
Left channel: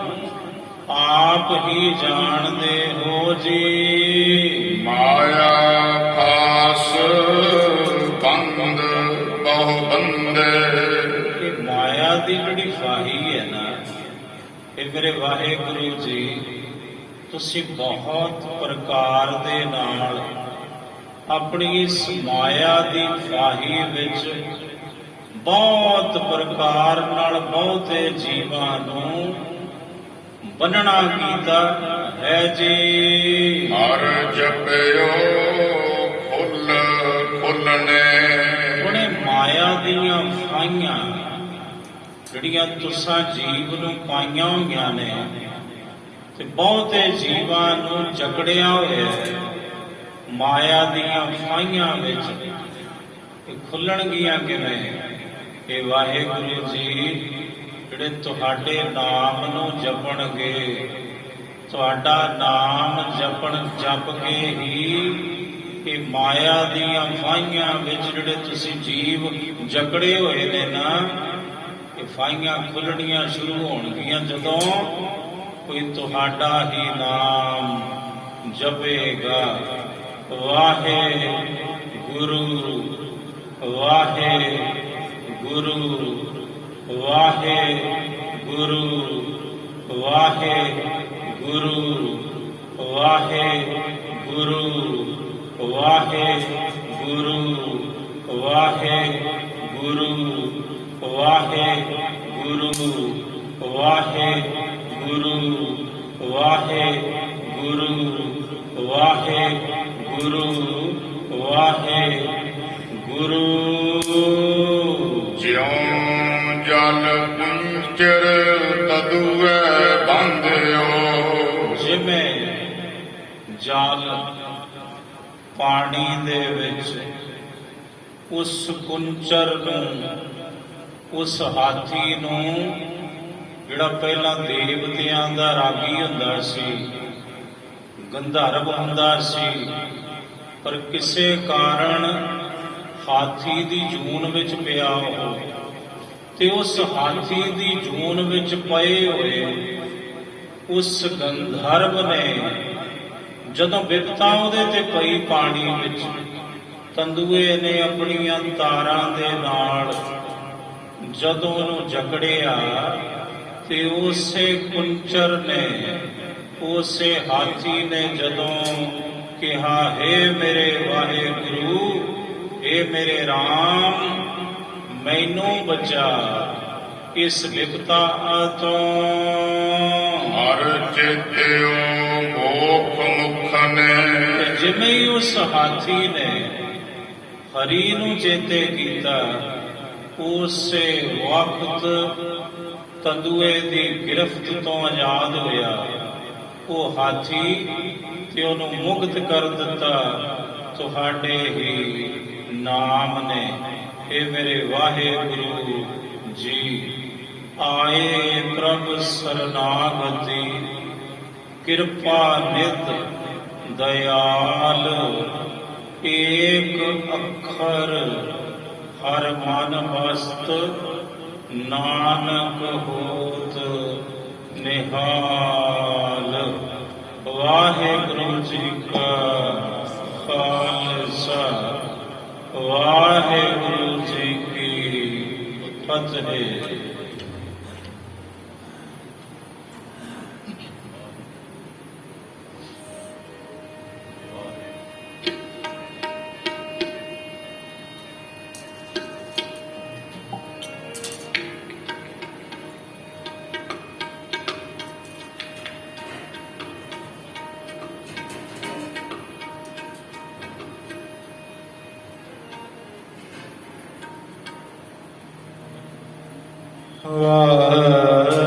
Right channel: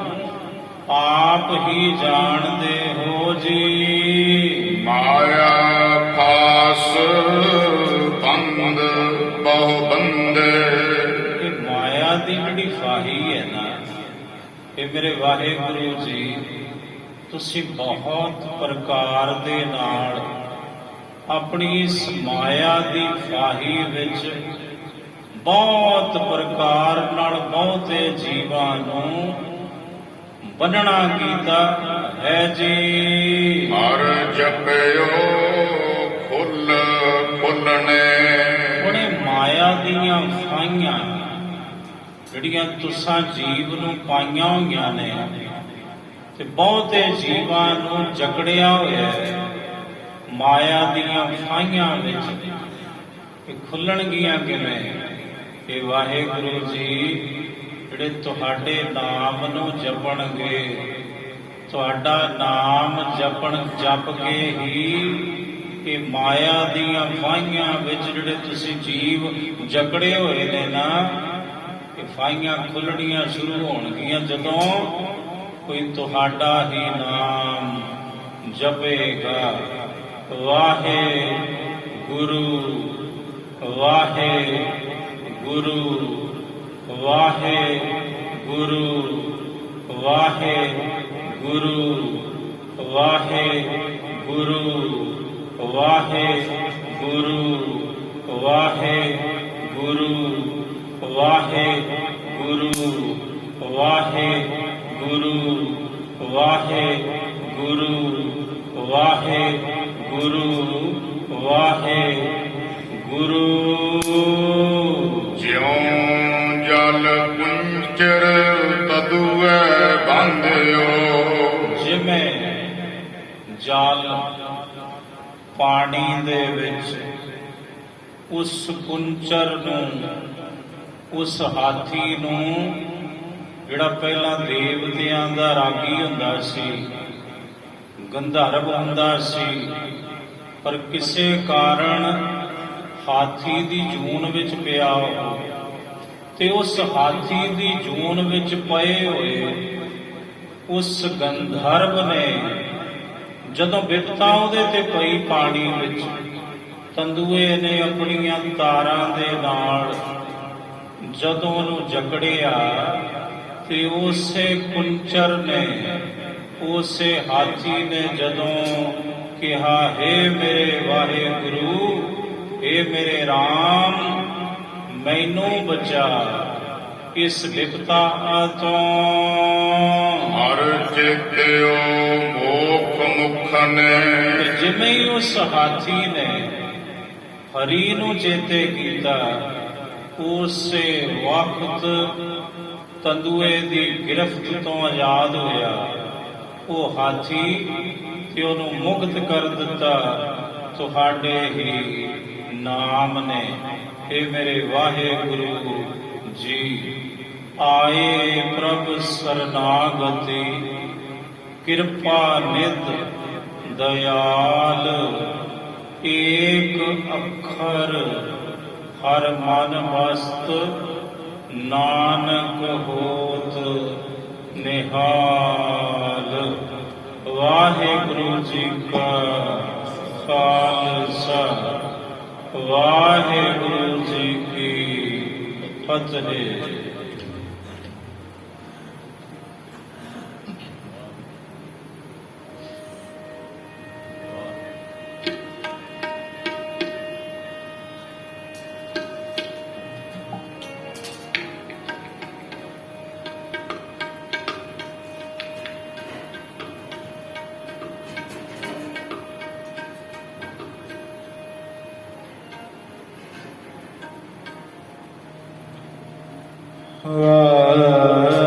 ਆਪ ਹੀ ਜਾਣਦੇ ਹੋ ਜੀ। ਮਾਇਆ ਫਾਸ ਬੰਦ ਬਹੁ ਬੰਦੇ। ਇਹ ਮਾਇਆ ਦੀ ਜਿਹੜੀ ਫਾਹੀ ਹੈ ਨਾ, ਇਹ ਮੇਰੇ ਵਾਹਿਗੁਰੂ ਜੀ ਤੁਸੀਂ ਬਹੁਤ ਪ੍ਰਕਾਰ ਦੇ ਨਾਲ ਆਪਣੀ ਇਸ ਮਾਇਆ ਦੀ ਫਾਹੀ ਵਿੱਚ ਬਹੁਤ ਪ੍ਰਕਾਰ ਨਾਲ ਬਹੁਤੇ ਜੀਵਾਂ ਨੂੰ ਬੰਨਣਾ ਕੀਤਾ ਹੈ ਜੀ। ਹਰ ਜਪਿਓ ਖੁੱਲ ਖੁੱਲਣੇ। ਉਹਨੇ ਮਾਇਆ ਦੀਆਂ ਫਾਹੀਆਂ ਜਿਹੜੀਆਂ ਤੁਸਾਂ ਜੀਵ ਨੂੰ ਪਾਈਆਂ ਹੋਈਆਂ ਨੇ, ਤੇ ਬਹੁਤੇ ਜੀਵਾਂ ਨੂੰ ਜਕੜਿਆ ਹੋਇਆ ਹੈ ਮਾਇਆ ਦੀਆਂ ਫਾਹੀਆਂ ਵਿੱਚ। ਇਹ ਖੁੱਲਣਗੀਆਂ ਕਿਵੇਂ? ਕਿ ਵਾਹਿਗੁਰੂ ਜੀ ਜਿਹੜੇ ਤੁਹਾਡੇ ਨਾਮ ਨੂੰ ਜਪਣਗੇ, ਤੁਹਾਡਾ ਨਾਮ ਜਪ ਕੇ ਹੀ ਇਹ ਮਾਇਆ ਦੀਆਂ ਫਾਹੀਆਂ ਵਿੱਚ ਜਿਹੜੇ ਤੁਸੀਂ ਜੀਵ ਜਕੜੇ ਹੋਏ ਨੇ ਨਾ, ਇਹ ਫਾਹੀਆਂ ਖੁੱਲਣੀਆਂ ਸ਼ੁਰੂ ਹੋਣਗੀਆਂ ਜਦੋਂ ਕੋਈ ਤੁਹਾਡਾ ਹੀ ਨਾਮ ਜਪੇਗਾ। ਵਾਹਿਗੁਰੂ ਵਾਹਿਗੁਰੂ ਵਾਹਿਗੁਰੂ ਵਾਹਿਗੁਰੂ ਵਾਹਿਗੁਰੂ ਵਾਹਿਗੁਰੂ ਵਾਹਿਗੁਰੂ ਵਾਹਿਗੁਰੂ ਵਾਹਿਗੁਰੂ ਵਾਹਿਗੁਰੂ ਵਾਹਿਗੁਰੂ ਵਾਹਿਗੁਰੂ। ਜਿਉ ਜਲ ਪੁੰਚਰ ਤਦੁਐ ਬੰਧਿਓ, ਜਿਵੇਂ ਜਲ ਪਾਣੀ ਦੇ ਵਿੱਚ ਉਸ ਕੁੰਚਰ ਨੂੰ, ਉਸ ਹਾਥੀ ਨੂੰ ਜਿਹੜਾ ਪਹਿਲਾਂ ਦੇਵਤਿਆਂ ਦਾ ਰਾਗੀ ਹੁੰਦਾ ਸੀ, ਗੰਧਰਵ ਹੁੰਦਾ ਸੀ, ਪਰ ਕਿਸੇ ਕਾਰਨ ਹਾਥੀ ਦੀ ਜੂਨ ਵਿੱਚ ਪਿਆ ਹੋ, ਤੇ ਉਸ ਹਾਥੀ ਦੀ ਜੂਨ ਵਿੱਚ ਪਏ ਹੋਏ ਉਸ ਗੰਧਰਵ ਨੇ ਜਦੋਂ ਬਿਪਤਾ ਉਹਦੇ ਤੇ ਪਈ ਪਾਣੀ ਵਿੱਚ, ਤੰਦੂਏ ਨੇ ਆਪਣੀਆਂ ਤਾਰਾਂ ਦੇ ਨਾਲ ਜਦੋਂ ਉਹਨੂੰ ਜਕੜਿਆ, ਤੇ ਉਸੇ ਕੁੰਚਰ ਨੇ, ਉਸੇ ਹਾਥੀ ਨੇ ਜਦੋਂ ਕਿਹਾ, ਹੇ ਮੇਰੇ ਵਾਹਿਗੁਰੂ, ਹੇ ਮੇਰੇ ਰਾਮ, ਮੈਨੂੰ ਬਚਾ ਇਸ ਵਿਪਤਾ ਤੋਂ। ਹਰ ਚੇਤਿਓ ਮੋਖ ਮੁਖ ਨੇ, ਜਿਵੇਂ ਹੀ ਉਸ ਹਾਥੀ ਨੇ ਹਰੀ ਨੂੰ ਚੇਤੇ ਕੀਤਾ, ਉਸੇ ਵਕਤ ਤੰਦੂਏ ਦੀ ਗਿਰਫਤ ਤੋਂ ਆਜ਼ਾਦ ਹੋਇਆ ਉਹ ਹਾਥੀ, ਤੇ ਉਹਨੂੰ ਮੁਕਤ ਕਰ ਦਿੱਤਾ ਤੁਹਾਡੇ ਹੀ ਨਾਮ ਨੇ। ਇਹ ਮੇਰੇ ਵਾਹਿਗੁਰੂ ਜੀ, ਆਏ ਪ੍ਰਭ ਸਰਨਾਗਤੀ, ਕਿਰਪਾ ਨਿਧ ਦਇਆਲ, ਏਕ ਅੱਖਰ ਹਰ ਮਨ ਮਸਤ, ਨਾਨਕ ਹੋਤ ਨਿਹਾਲ। ਵਾਹਿਗੁਰੂ ਜੀ ਕਾ ਖਾਲਸਾ, ਵਾਹਿਗੁਰੂ ਜੀ ਕੀ ਫਤਿਹ। ਵਾਹਿਗੁਰੂ